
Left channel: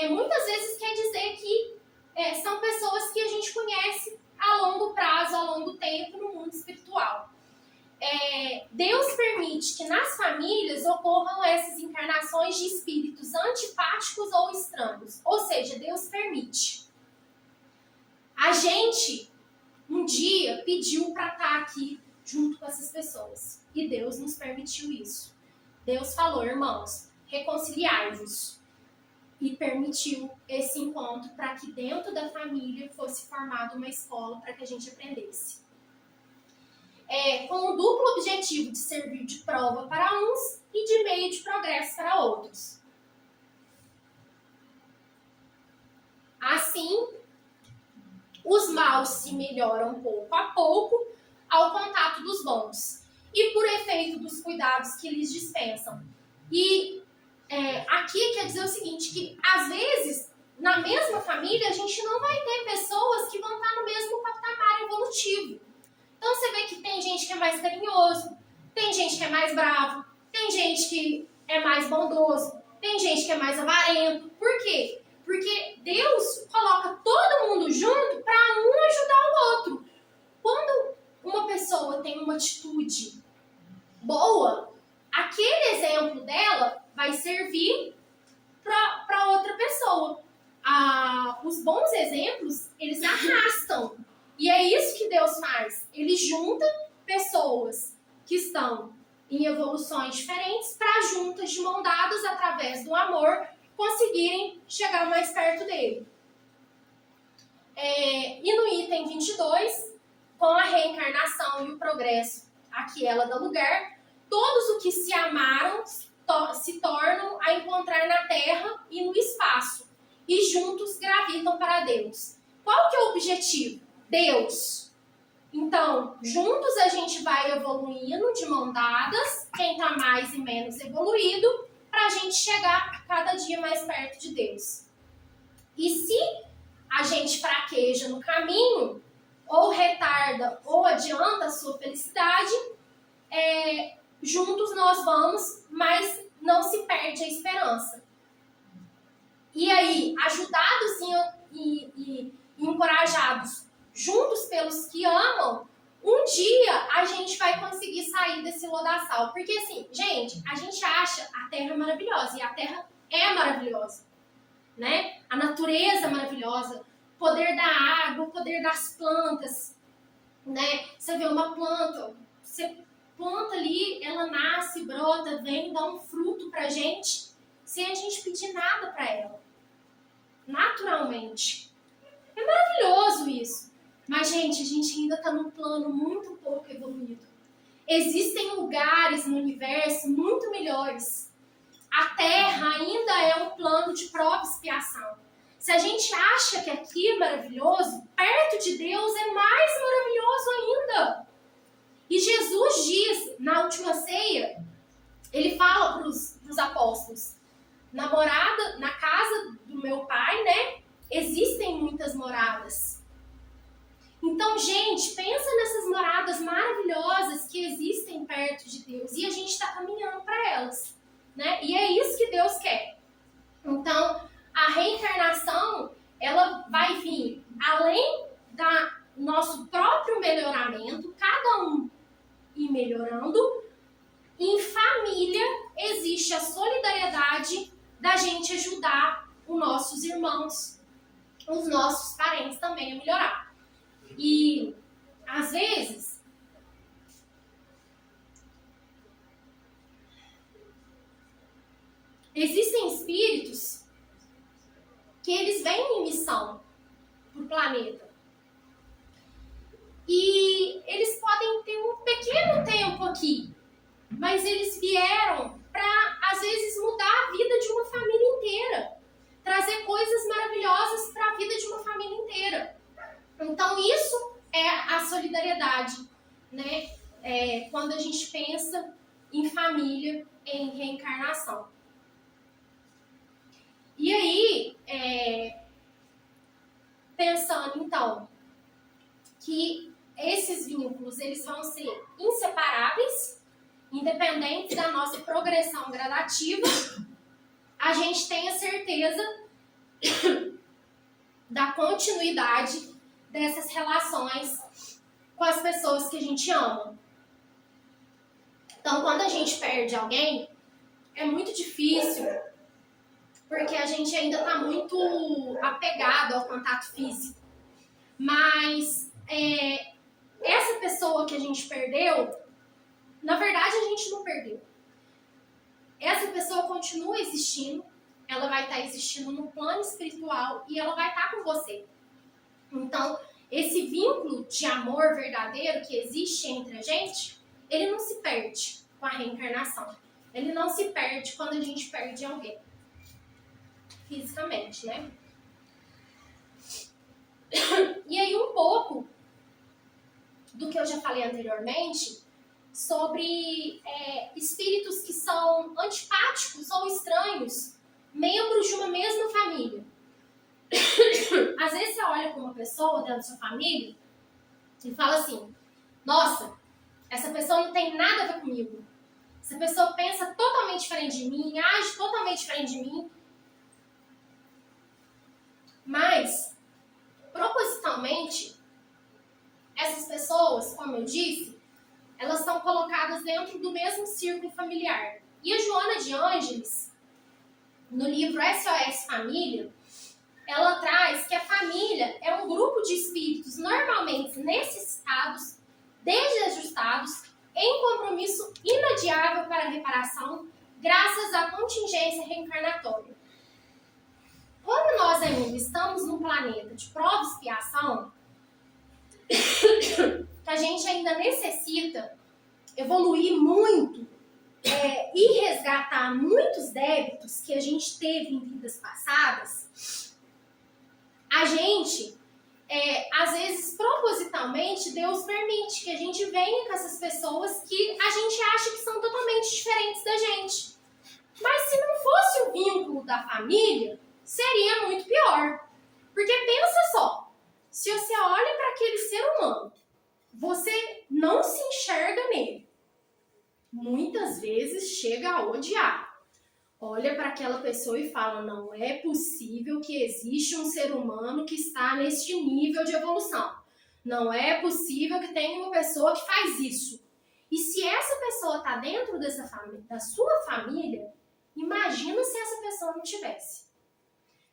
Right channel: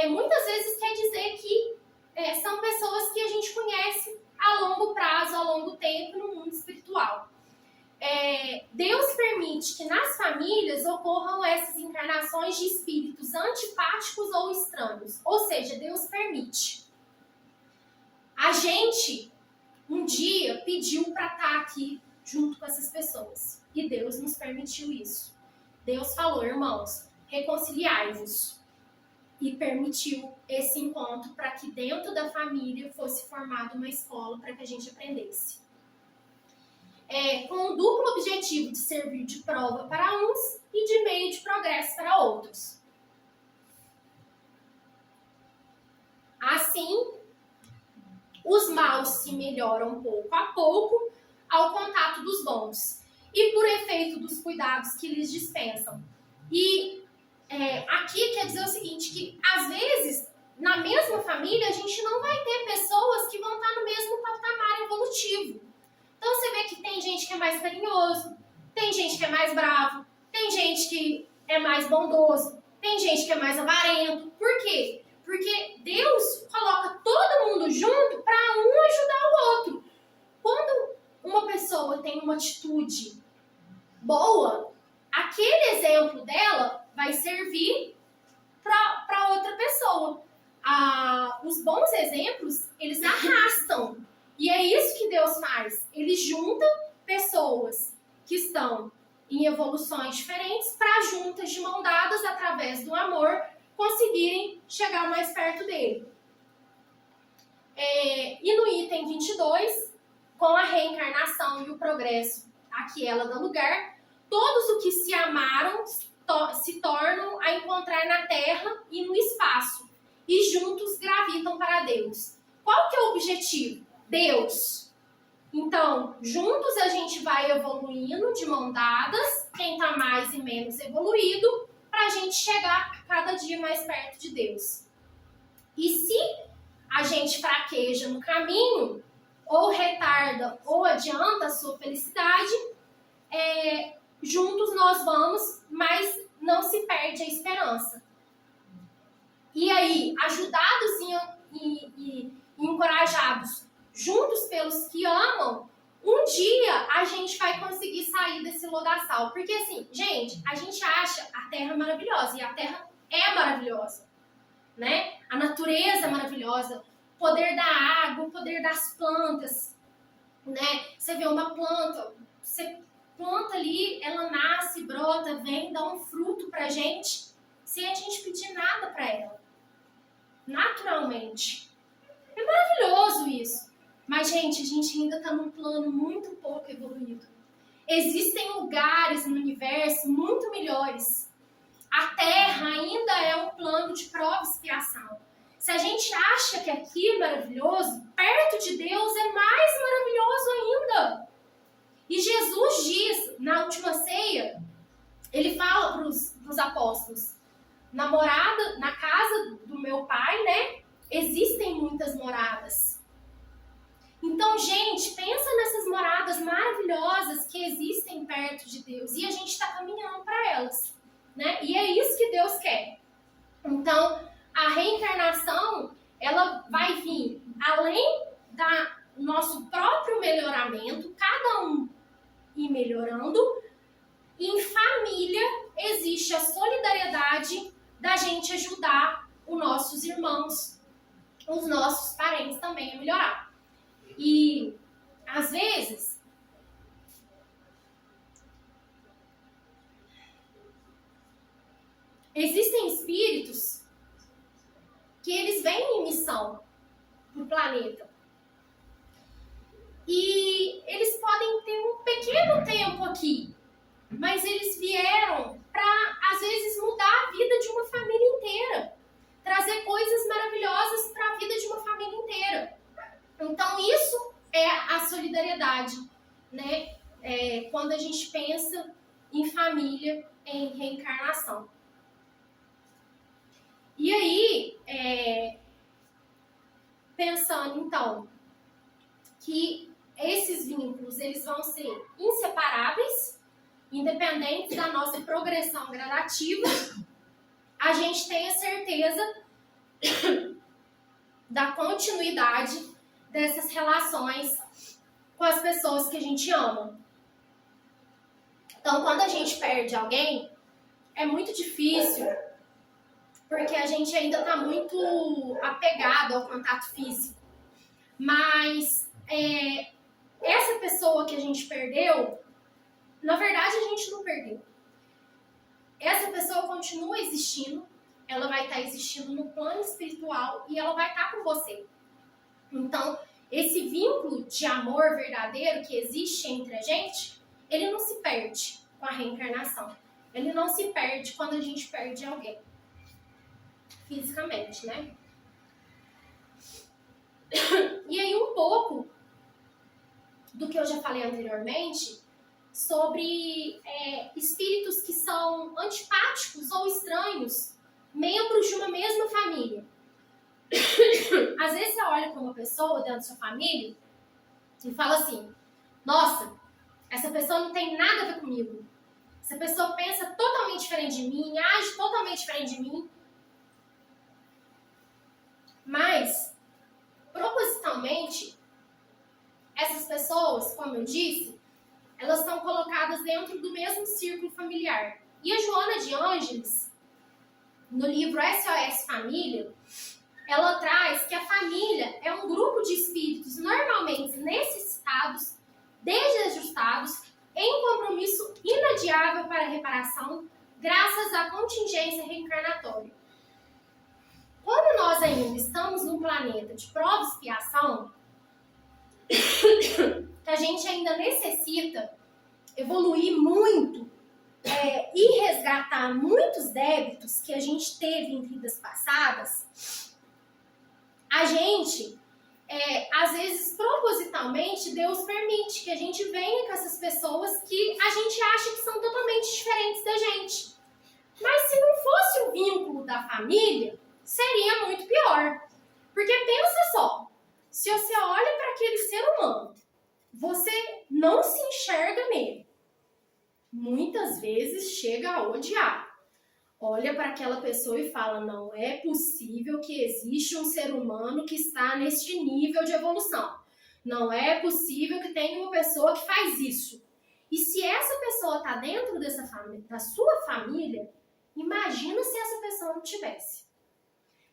muitas vezes quer dizer que são pessoas que a gente conhece a longo prazo, a longo tempo no mundo espiritual. Deus permite que nas famílias ocorram essas encarnações de espíritos antipáticos ou estranhos. Ou seja, Deus permite. A gente, um dia, pediu para estar aqui junto com essas pessoas. E Deus nos permitiu isso. Deus falou, irmãos, reconciliai-vos. E permitiu esse encontro para que dentro da família fosse formada uma escola para que a gente aprendesse. Com o duplo objetivo de servir de prova para uns e de meio de progresso para outros. Assim, os maus se melhoram pouco a pouco ao contato dos bons e por efeito dos cuidados que lhes dispensam. E aqui quer dizer o seguinte, que às vezes, na mesma família, a gente não vai ter pessoas que vão estar no mesmo patamar evolutivo. Então você vê que tem gente que é mais carinhoso, tem gente que é mais bravo, tem gente que é mais bondoso, tem gente que é mais avarento. Por quê? Porque Deus coloca todo mundo junto para um ajudar o outro. Quando uma pessoa tem uma atitude boa, aquele exemplo dela vai servir para outra pessoa. Os bons exemplos, eles arrastam. E é isso que Deus faz. Ele junta pessoas que estão em evoluções diferentes para juntas de mão dadas através do amor conseguirem chegar mais perto dele. E no item 22, com a reencarnação e o progresso a que ela dá lugar, todos os que se amaram se tornam a encontrar na Terra e no espaço, e juntos gravitam para Deus. Qual que é o objetivo? Deus. Então, juntos a gente vai evoluindo de mão dadas, quem está mais e menos evoluído, para a gente chegar cada dia mais perto de Deus. E se a gente fraqueja no caminho, ou retarda ou adianta a sua felicidade, juntos nós vamos, mas não se perde a esperança. E aí, ajudados e encorajados juntos pelos que amam, um dia a gente vai conseguir sair desse lodaçal. Porque assim, gente, a gente acha a Terra maravilhosa, e a Terra é maravilhosa, né? A natureza é maravilhosa, o poder da água, o poder das plantas, né? Você vê uma planta, você planta ali, ela nasce, brota, vem, dá um fruto pra gente, sem a gente pedir nada pra ela. Naturalmente. É maravilhoso isso. Mas, gente, a gente ainda está num plano muito pouco evoluído. Existem lugares no universo muito melhores. A Terra ainda é um plano de prova e expiação. Se a gente acha que aqui é maravilhoso, perto de Deus é mais maravilhoso ainda. E Jesus diz, na última ceia, ele fala para os apóstolos, na casa do meu pai, né, existem muitas moradas. Então, gente, pensa nessas moradas maravilhosas que existem perto de Deus e a gente está caminhando para elas, né? E é isso que Deus quer. Então, a reencarnação, ela vai vir além do nosso próprio melhoramento, cada um ir melhorando. Em família, existe a solidariedade da gente ajudar os nossos irmãos, os nossos parentes também a melhorar. E, às vezes, existem espíritos que eles vêm em missão pro planeta. E eles podem ter um pequeno tempo aqui, mas eles vieram para, às vezes, mudar a vida de uma família inteira. Trazer coisas maravilhosas para a vida de uma família inteira. Então, isso é a solidariedade, né? Quando a gente pensa em família, em reencarnação. E aí, pensando, então, que esses vínculos, eles vão ser inseparáveis, independente da nossa progressão gradativa, a gente tem a certeza da continuidade dessas relações com as pessoas que a gente ama. Então, quando a gente perde alguém, é muito difícil, porque a gente ainda está muito apegado ao contato físico. Mas essa pessoa que a gente perdeu, na verdade a gente não perdeu. Essa pessoa continua existindo, ela vai estar existindo no plano espiritual e ela vai estar com você. Então, esse vínculo de amor verdadeiro que existe entre a gente, ele não se perde com a reencarnação. Ele não se perde quando a gente perde alguém. Fisicamente, né? E aí um pouco do que eu já falei anteriormente sobre espíritos que são antipáticos ou estranhos, membros de uma mesma família. Às vezes você olha para uma pessoa dentro da sua família e fala assim, nossa, essa pessoa não tem nada a ver comigo. Essa pessoa pensa totalmente diferente de mim, age totalmente diferente de mim. Mas, propositalmente, essas pessoas, como eu disse, elas são colocadas dentro do mesmo círculo familiar. E a Joana de Ângeles, no livro SOS Família, ela traz que a família é um grupo de espíritos normalmente necessitados, desajustados, em compromisso inadiável para a reparação, graças à contingência reencarnatória. Quando nós ainda estamos num planeta de prova e expiação, a gente ainda necessita evoluir muito e resgatar muitos débitos que a gente teve em vidas passadas, a gente, às vezes, propositalmente, Deus permite que a gente venha com essas pessoas que a gente acha que são totalmente diferentes da gente. Mas se não fosse o vínculo da família, seria muito pior. Porque pensa só, se você olha para aquele ser humano, você não se enxerga nele. Muitas vezes chega a odiar. Olha para aquela pessoa e fala, não é possível que exista um ser humano que está neste nível de evolução. Não é possível que tenha uma pessoa que faz isso. E se essa pessoa está dentro dessa família, da sua família, imagina se essa pessoa não tivesse.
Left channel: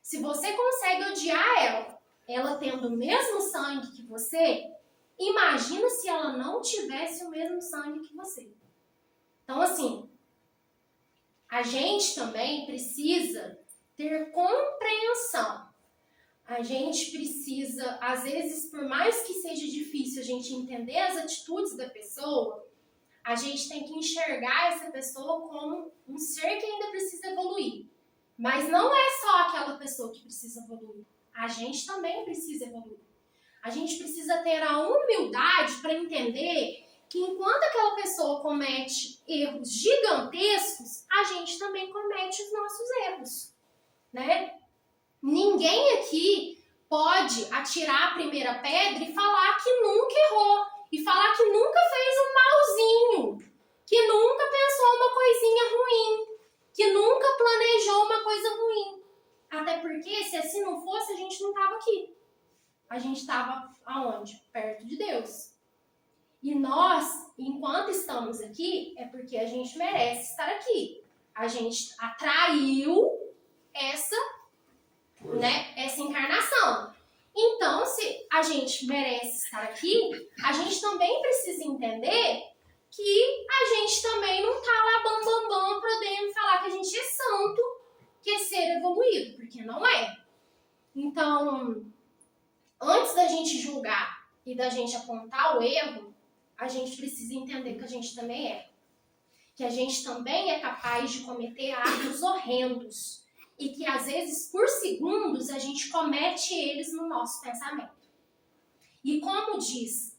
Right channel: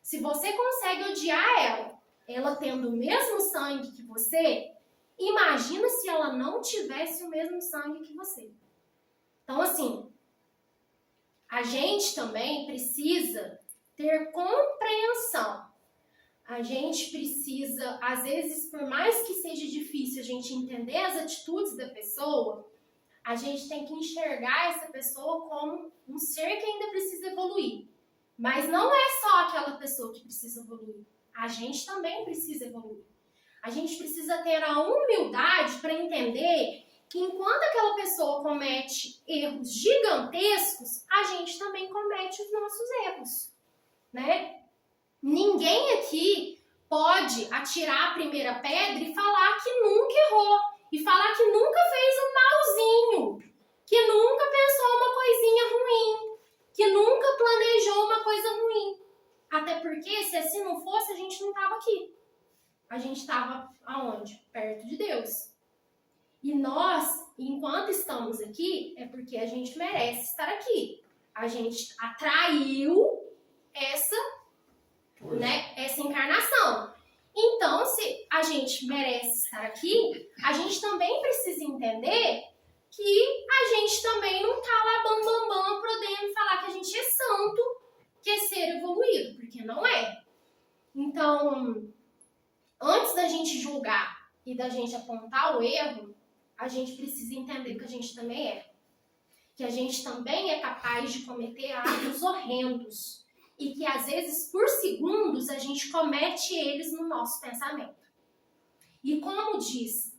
Se você consegue odiar ela tendo o mesmo sangue que você, imagina se ela não tivesse o mesmo sangue que você. Então, assim, a gente também precisa ter compreensão. A gente precisa, às vezes, por mais que seja difícil a gente entender as atitudes da pessoa, a gente tem que enxergar essa pessoa como um ser que ainda precisa evoluir. Mas não é só aquela pessoa que precisa evoluir. A gente também precisa evoluir. A gente precisa ter a humildade para entender que enquanto aquela pessoa comete erros gigantescos, a gente também comete os nossos erros, né? Ninguém aqui pode atirar a primeira pedra e falar que nunca errou, e falar que nunca fez um malzinho, que nunca pensou uma coisinha ruim, que nunca planejou uma coisa ruim. Até porque, se assim não fosse, a gente não estava aqui. A gente estava aonde? Perto de Deus. E nós, enquanto estamos aqui, é porque a gente merece estar aqui. A gente atraiu essa encarnação. Então, se a gente merece estar aqui, a gente também precisa entender que a gente também não tá lá bam, podendo falar que a gente é santo, que é ser evoluído, porque não é. Então, antes da gente julgar e da gente apontar o erro, a gente precisa entender que a gente também é. Que a gente também é capaz de cometer atos horrendos. E que, às vezes, por segundos, a gente comete eles no nosso pensamento. E como diz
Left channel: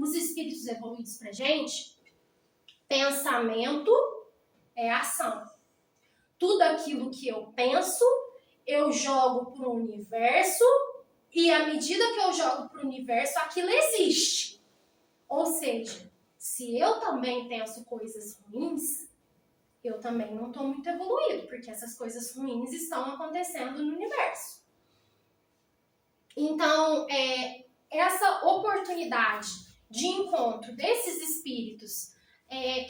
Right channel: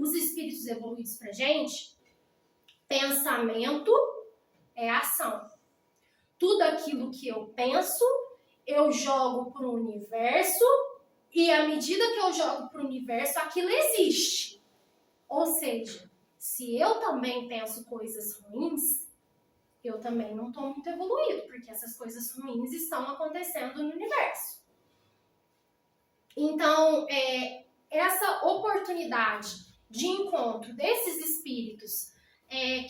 os espíritos evoluídos pra gente, pensamento é ação. Tudo aquilo que eu penso, eu jogo pro universo, e à medida que eu jogo pro universo, aquilo existe. Ou seja, se eu também penso coisas ruins, eu também não estou muito evoluído, porque essas coisas ruins estão acontecendo no universo. Então, essa oportunidade de encontro desses espíritos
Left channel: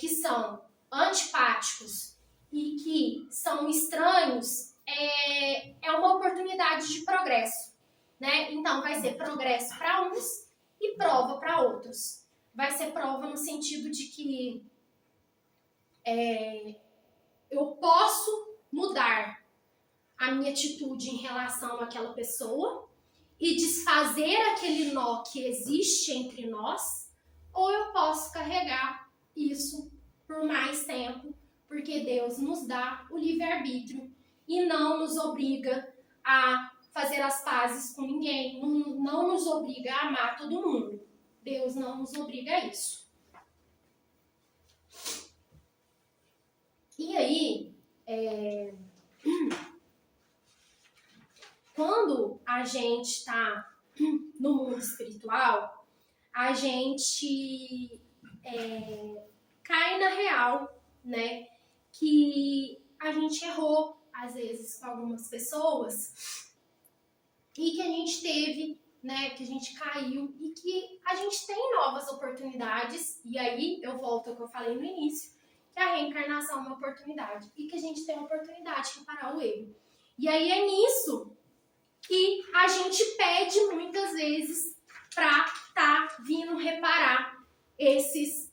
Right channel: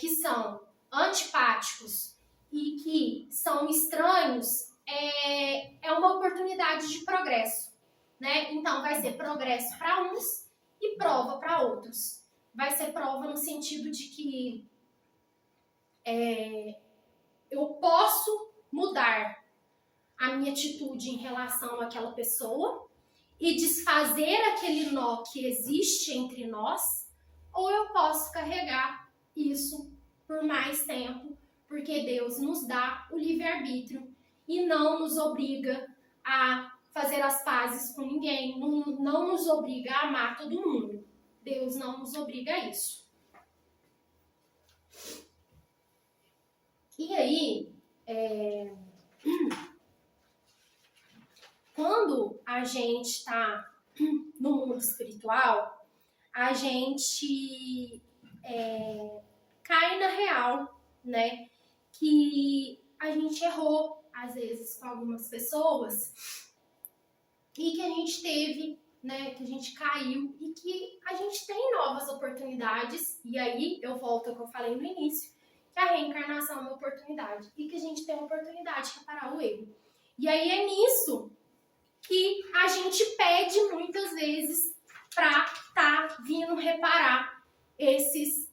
que são antipáticos e que são estranhos é uma oportunidade de progresso, né? Então, vai ser progresso para uns e prova para outros. Vai ser prova no sentido de que eu posso mudar a minha atitude em relação àquela pessoa e desfazer aquele nó que existe entre nós, ou eu posso carregar isso por mais tempo, porque Deus nos dá o livre-arbítrio e não nos obriga a fazer as pazes com ninguém, não nos obriga a amar todo mundo. Deus não nos obriga a isso. E aí, quando a gente está no mundo espiritual, a gente cai na real, né? Que a gente errou, às vezes, com algumas pessoas e que a gente teve, né? Que a gente caiu e que a gente tem novas oportunidades. E aí, eu volto ao que eu falei no início, que a reencarnação é uma oportunidade e que a gente tem a oportunidade de reparar o erro. E aí é nisso que a gente pede muitas vezes para tá vindo reparar esses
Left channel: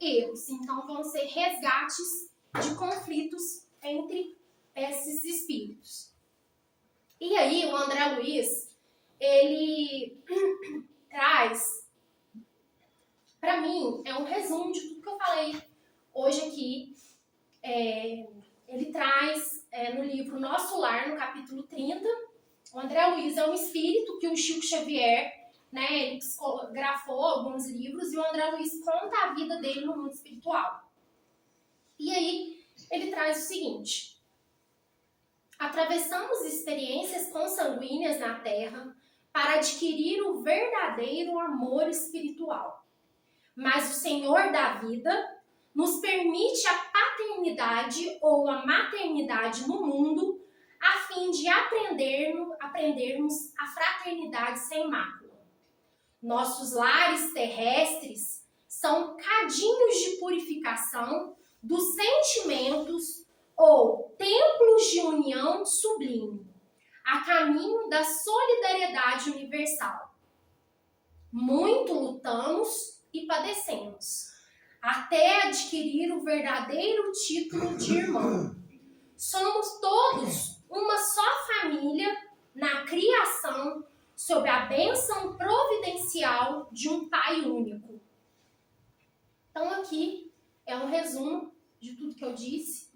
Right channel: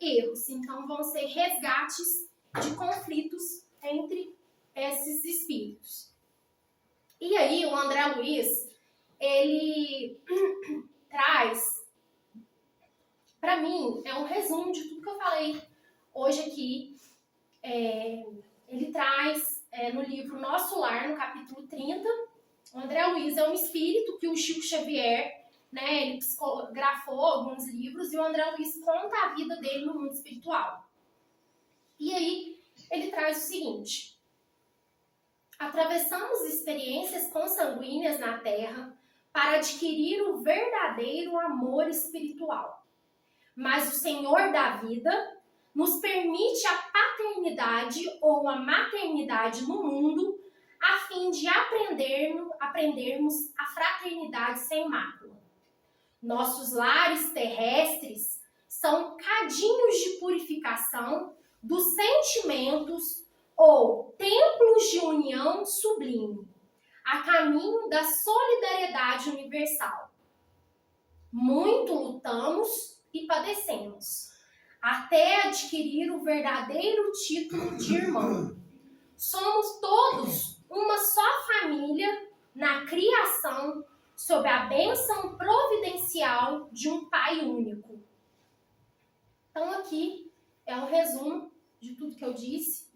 erros. Então vão ser resgates de conflitos entre esses espíritos. E aí o André Luiz, ele traz, para mim, é um resumo de tudo que eu falei hoje aqui. Ele traz no livro Nosso Lar, no capítulo 30, o André Luiz é um espírito que o Chico Xavier, né, ele psicografou alguns livros, e o André Luiz conta a vida dele no mundo espiritual. E aí ele traz o seguinte: atravessamos experiências consanguíneas na Terra para adquirir o verdadeiro amor espiritual. Mas o Senhor da vida nos permite a paternidade ou a maternidade no mundo a fim de aprendermos a fraternidade sem mácula. Nossos lares terrestres são cadinhos de purificação dos sentimentos ou templos de união sublime, a caminho da solidariedade universal. Muito lutamos e padecemos, até adquirir o verdadeiro título de irmão. Somos todos uma só família na criação, sob a bênção providencial de um Pai único. Então aqui é um resumo de tudo que eu disse.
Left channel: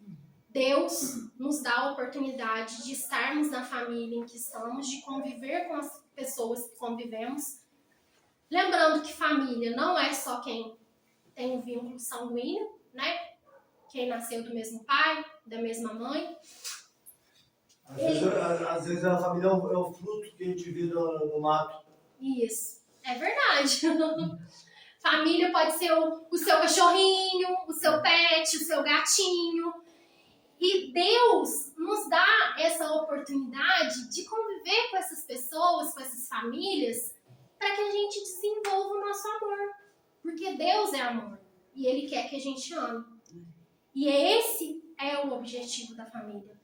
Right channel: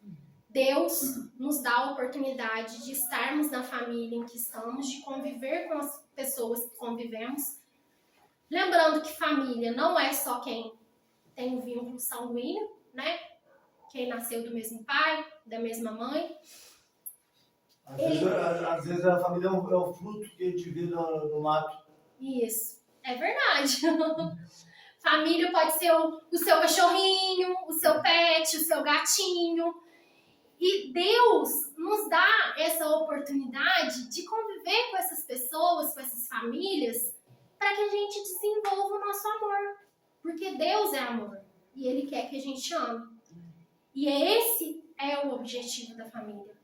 Deus nos dá a oportunidade de estarmos na família em que estamos, de conviver com as pessoas que convivemos. Lembrando que família não é só quem tem um vínculo sanguíneo, né? Quem nasceu do mesmo pai, da mesma mãe. Às vezes a família é o fruto que a gente vê no mato. Isso, é verdade. Família pode ser o seu cachorrinho, o seu pet, o seu gatinho. E Deus nos dá essa oportunidade de conviver com essas pessoas, com essas famílias, para que a gente desenvolva o nosso amor. Porque Deus é amor e Ele quer que a gente ame. E esse é o objetivo da família.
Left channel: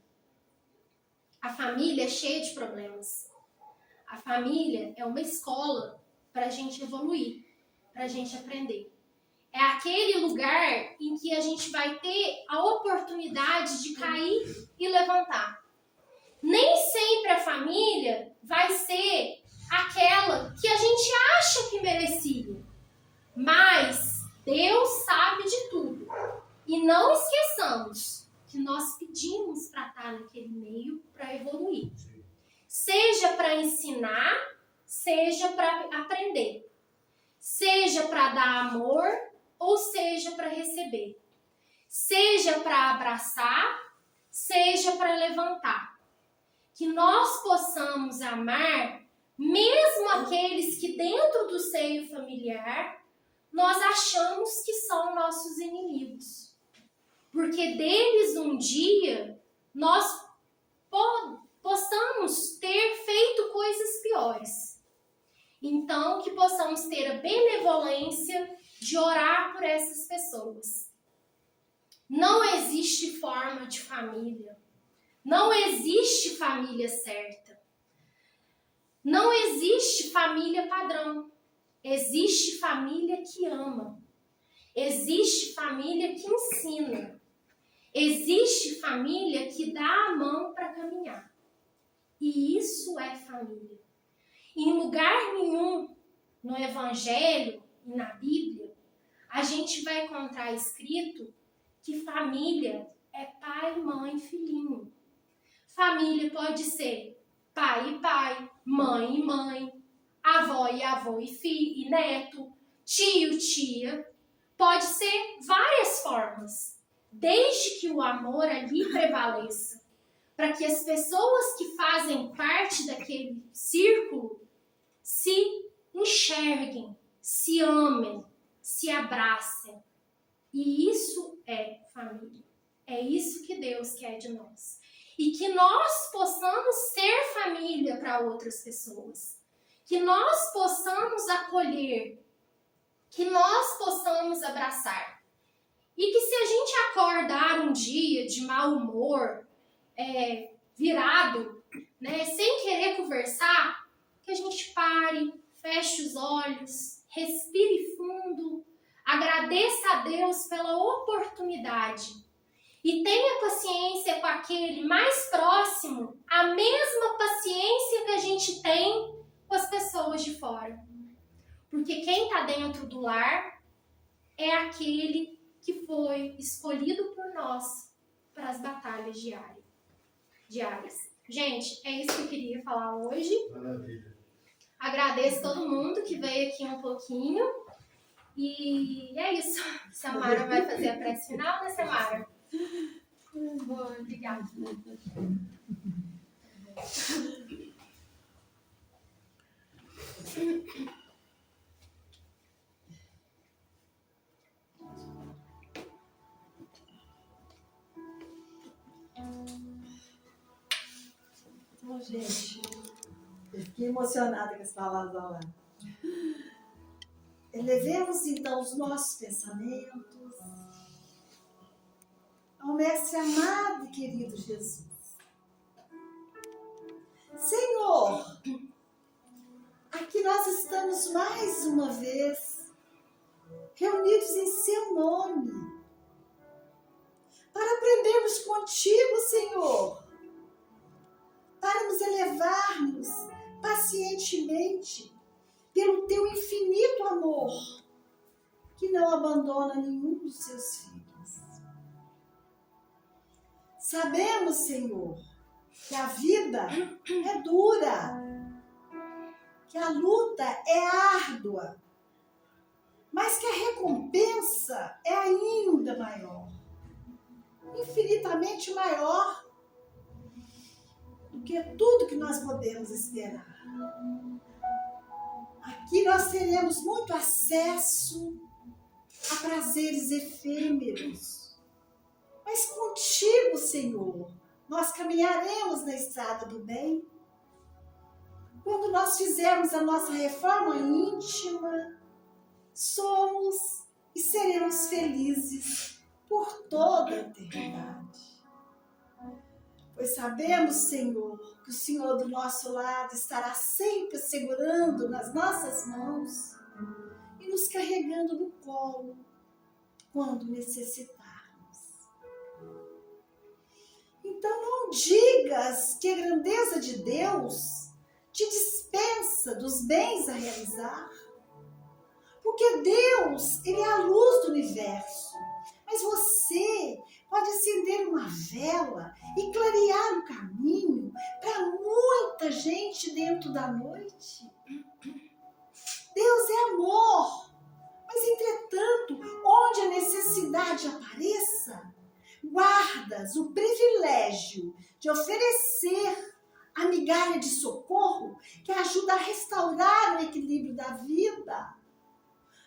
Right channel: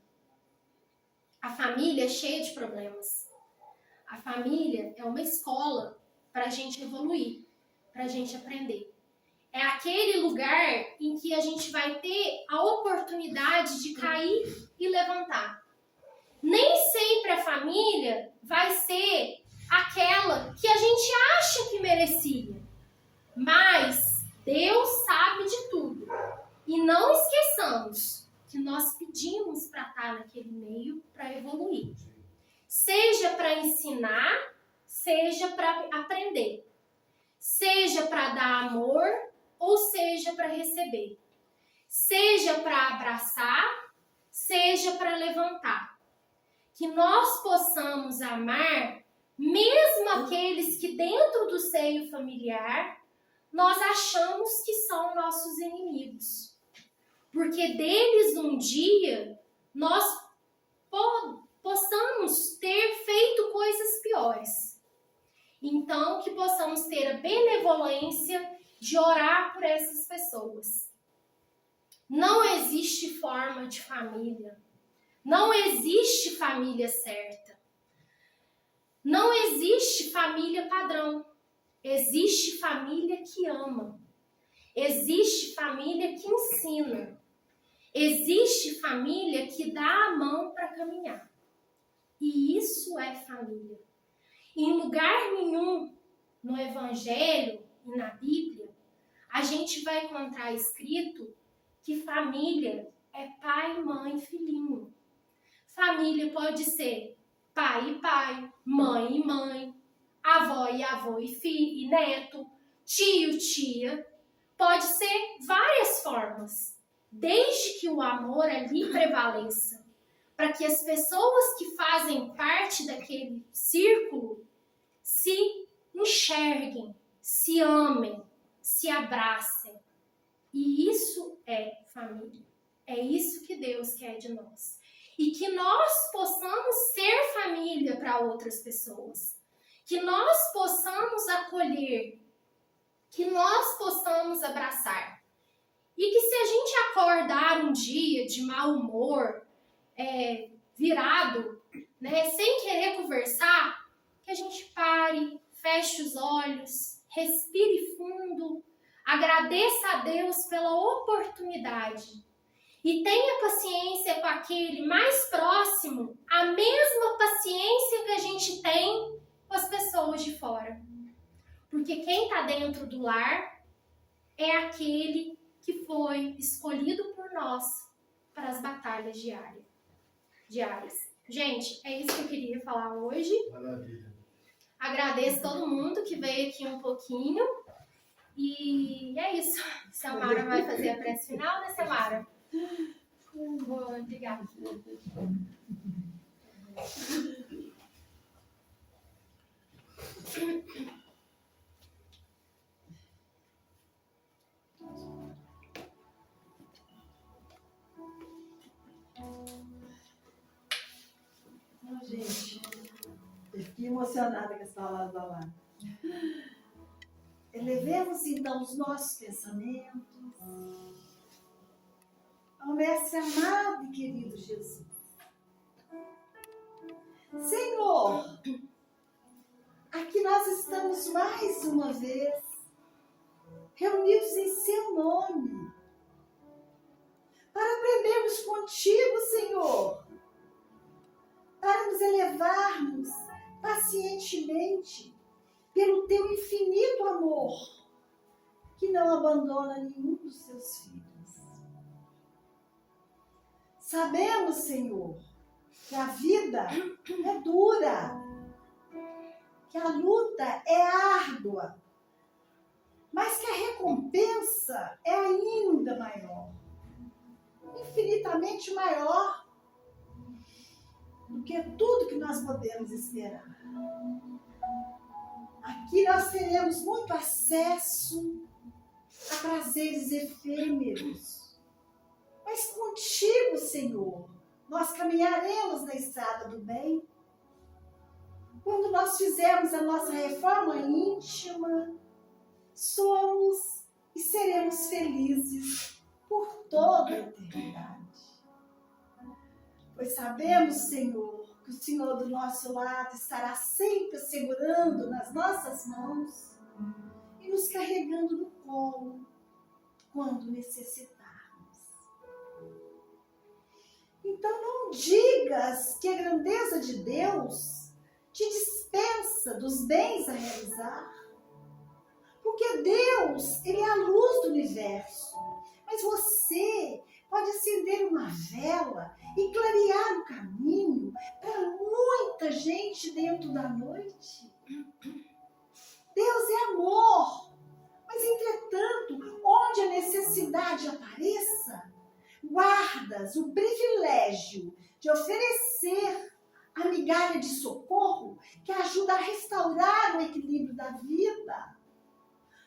A família é cheia de problemas. A família é uma escola para a gente evoluir, para a gente aprender. É aquele lugar em que a gente vai ter a oportunidade de cair e levantar. Nem sempre a família vai ser aquela que a gente acha que merecia. Mas Deus sabe de tudo. E não esqueçamos que nós pedimos para estar naquele meio para evoluir. Seja para ensinar, seja para aprender. Seja para dar amor, ou seja para receber. Seja para abraçar, seja para levantar. Que nós possamos amar mesmo aqueles que dentro do seio familiar nós achamos que são nossos inimigos. Porque deles um dia nós possamos ter feito coisas piores. Então, que possamos ter a benevolência de orar por essas pessoas. Não existe forma de família. Não existe família certa. Não existe família padrão. Existe família que ama. Existe família que ensina. Existe família que dá a mão para caminhar. E isso é família. Em lugar nenhum no Evangelho e na Bíblia, a gente vai encontrar escrito que família é pai, mãe, filhinho. Família pode ser pai e pai, mãe e mãe, avó e filho e neto, tio, tia. Pode ser várias formas, desde que o amor ali prevaleça, para que as pessoas que fazem parte daquele círculo se enxerguem, se amem, se abracem. E isso é família. É isso que Deus quer de nós. E que nós possamos ser família para outras pessoas. Que nós possamos acolher. Que nós possamos abraçar. E que se a gente acordar um dia de mau humor, virado, né, sem querer conversar, que a gente pare, feche os olhos, respire fundo, agradeça a Deus pela oportunidade e tenha paciência com aquele mais próximo, a mesma paciência que a gente tem com as pessoas de fora. Porque quem está dentro do lar é aquele que foi escolhido por nós para as batalhas diárias. Gente, é isso que eu queria falar hoje. Maravilha. Agradeço todo mundo que veio aqui um pouquinho. E é isso. Samara vai fazer a prece final, né, Samara? Boa, obrigada. Gente, eu fiquei emocionada com as palavras lá. Elevemos então os nossos pensamentos ao Mestre amado e querido Jesus. Senhor, aqui nós estamos mais uma vez reunidos em seu nome para aprendermos contigo, Senhor, para nos elevarmos pacientemente pelo teu infinito amor, que não abandona nenhum dos seus filhos. Sabemos, Senhor, que a vida é dura, que a luta é árdua, mas que a recompensa é ainda maior, infinitamente maior do que tudo que nós podemos esperar. Aqui nós teremos muito acesso a prazeres efêmeros, mas contigo, Senhor, nós caminharemos na estrada do bem. Quando nós fizermos a nossa reforma íntima, somos e seremos felizes por toda a eternidade. Pois sabemos, Senhor, que o Senhor do nosso lado estará sempre segurando nas nossas mãos e nos carregando no colo quando necessitarmos. Então não digas que a grandeza de Deus te dispensa dos bens a realizar, porque Deus, Ele é a luz do universo, mas você pode acender uma vela e clarear o caminho para muita gente dentro da noite. Deus é amor, mas entretanto, onde a necessidade apareça, guardas o privilégio de oferecer a migalha de socorro que ajuda a restaurar o equilíbrio da vida.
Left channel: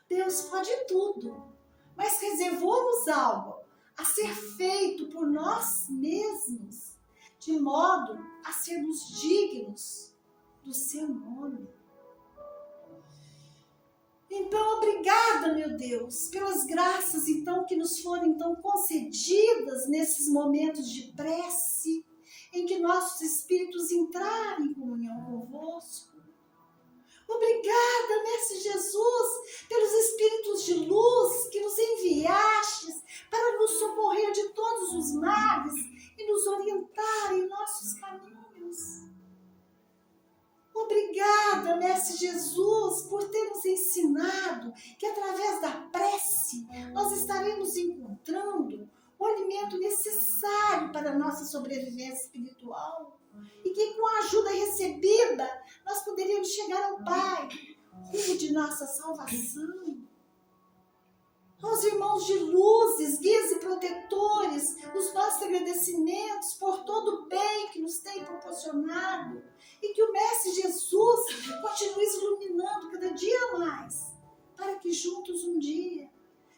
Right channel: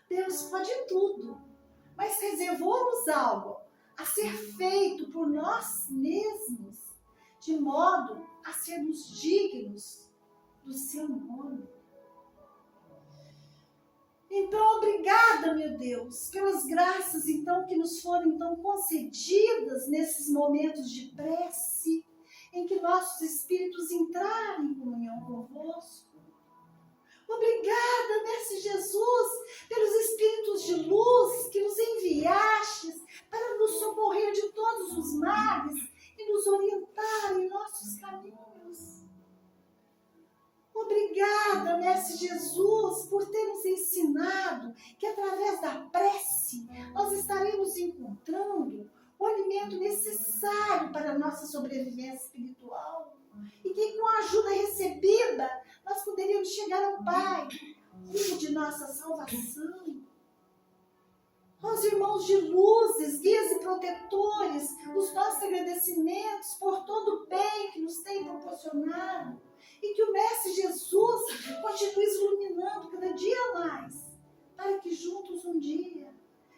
Deus pode tudo, mas reservou-nos algo a ser feito por nós mesmos, de modo a sermos dignos do seu nome. Então, obrigada, meu Deus, pelas graças então que nos foram então concedidas nesses momentos de prece, em que nossos espíritos entraram em comunhão convosco. Obrigada, Mestre Jesus, pelos espíritos de luz que nos enviastes para nos socorrer de todos os males e nos orientar em nossos caminhos. Obrigada, Mestre Jesus, por ter nos ensinado que através da prece nós estaremos encontrando o alimento necessário para a nossa sobrevivência espiritual e que com a ajuda recebida nós poderíamos chegar ao Pai, rumo de nossa salvação. Aos irmãos de luzes, guias e protetores, os nossos agradecimentos por todo o bem que nos tem proporcionado e que o Mestre Jesus continue iluminando cada dia mais, para que juntos um dia,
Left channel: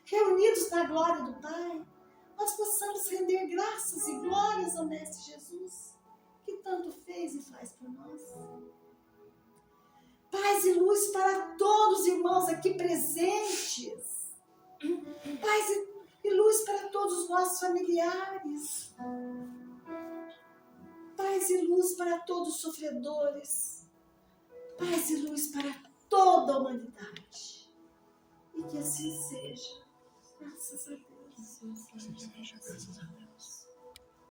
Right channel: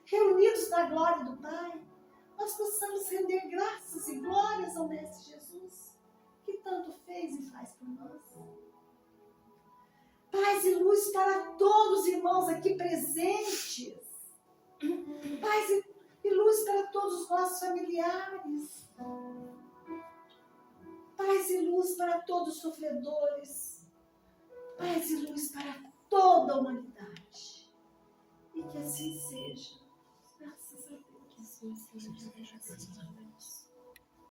reunidos na glória do Pai, nós possamos render graças e glórias ao Mestre Jesus, que tanto fez e faz por nós. Paz e luz para todos os irmãos aqui presentes. Paz e luz para todos os nossos familiares. Paz e luz para todos os sofredores. Paz e luz para toda a humanidade. E que assim seja. Graças a Deus. Assim seja, graças a Deus.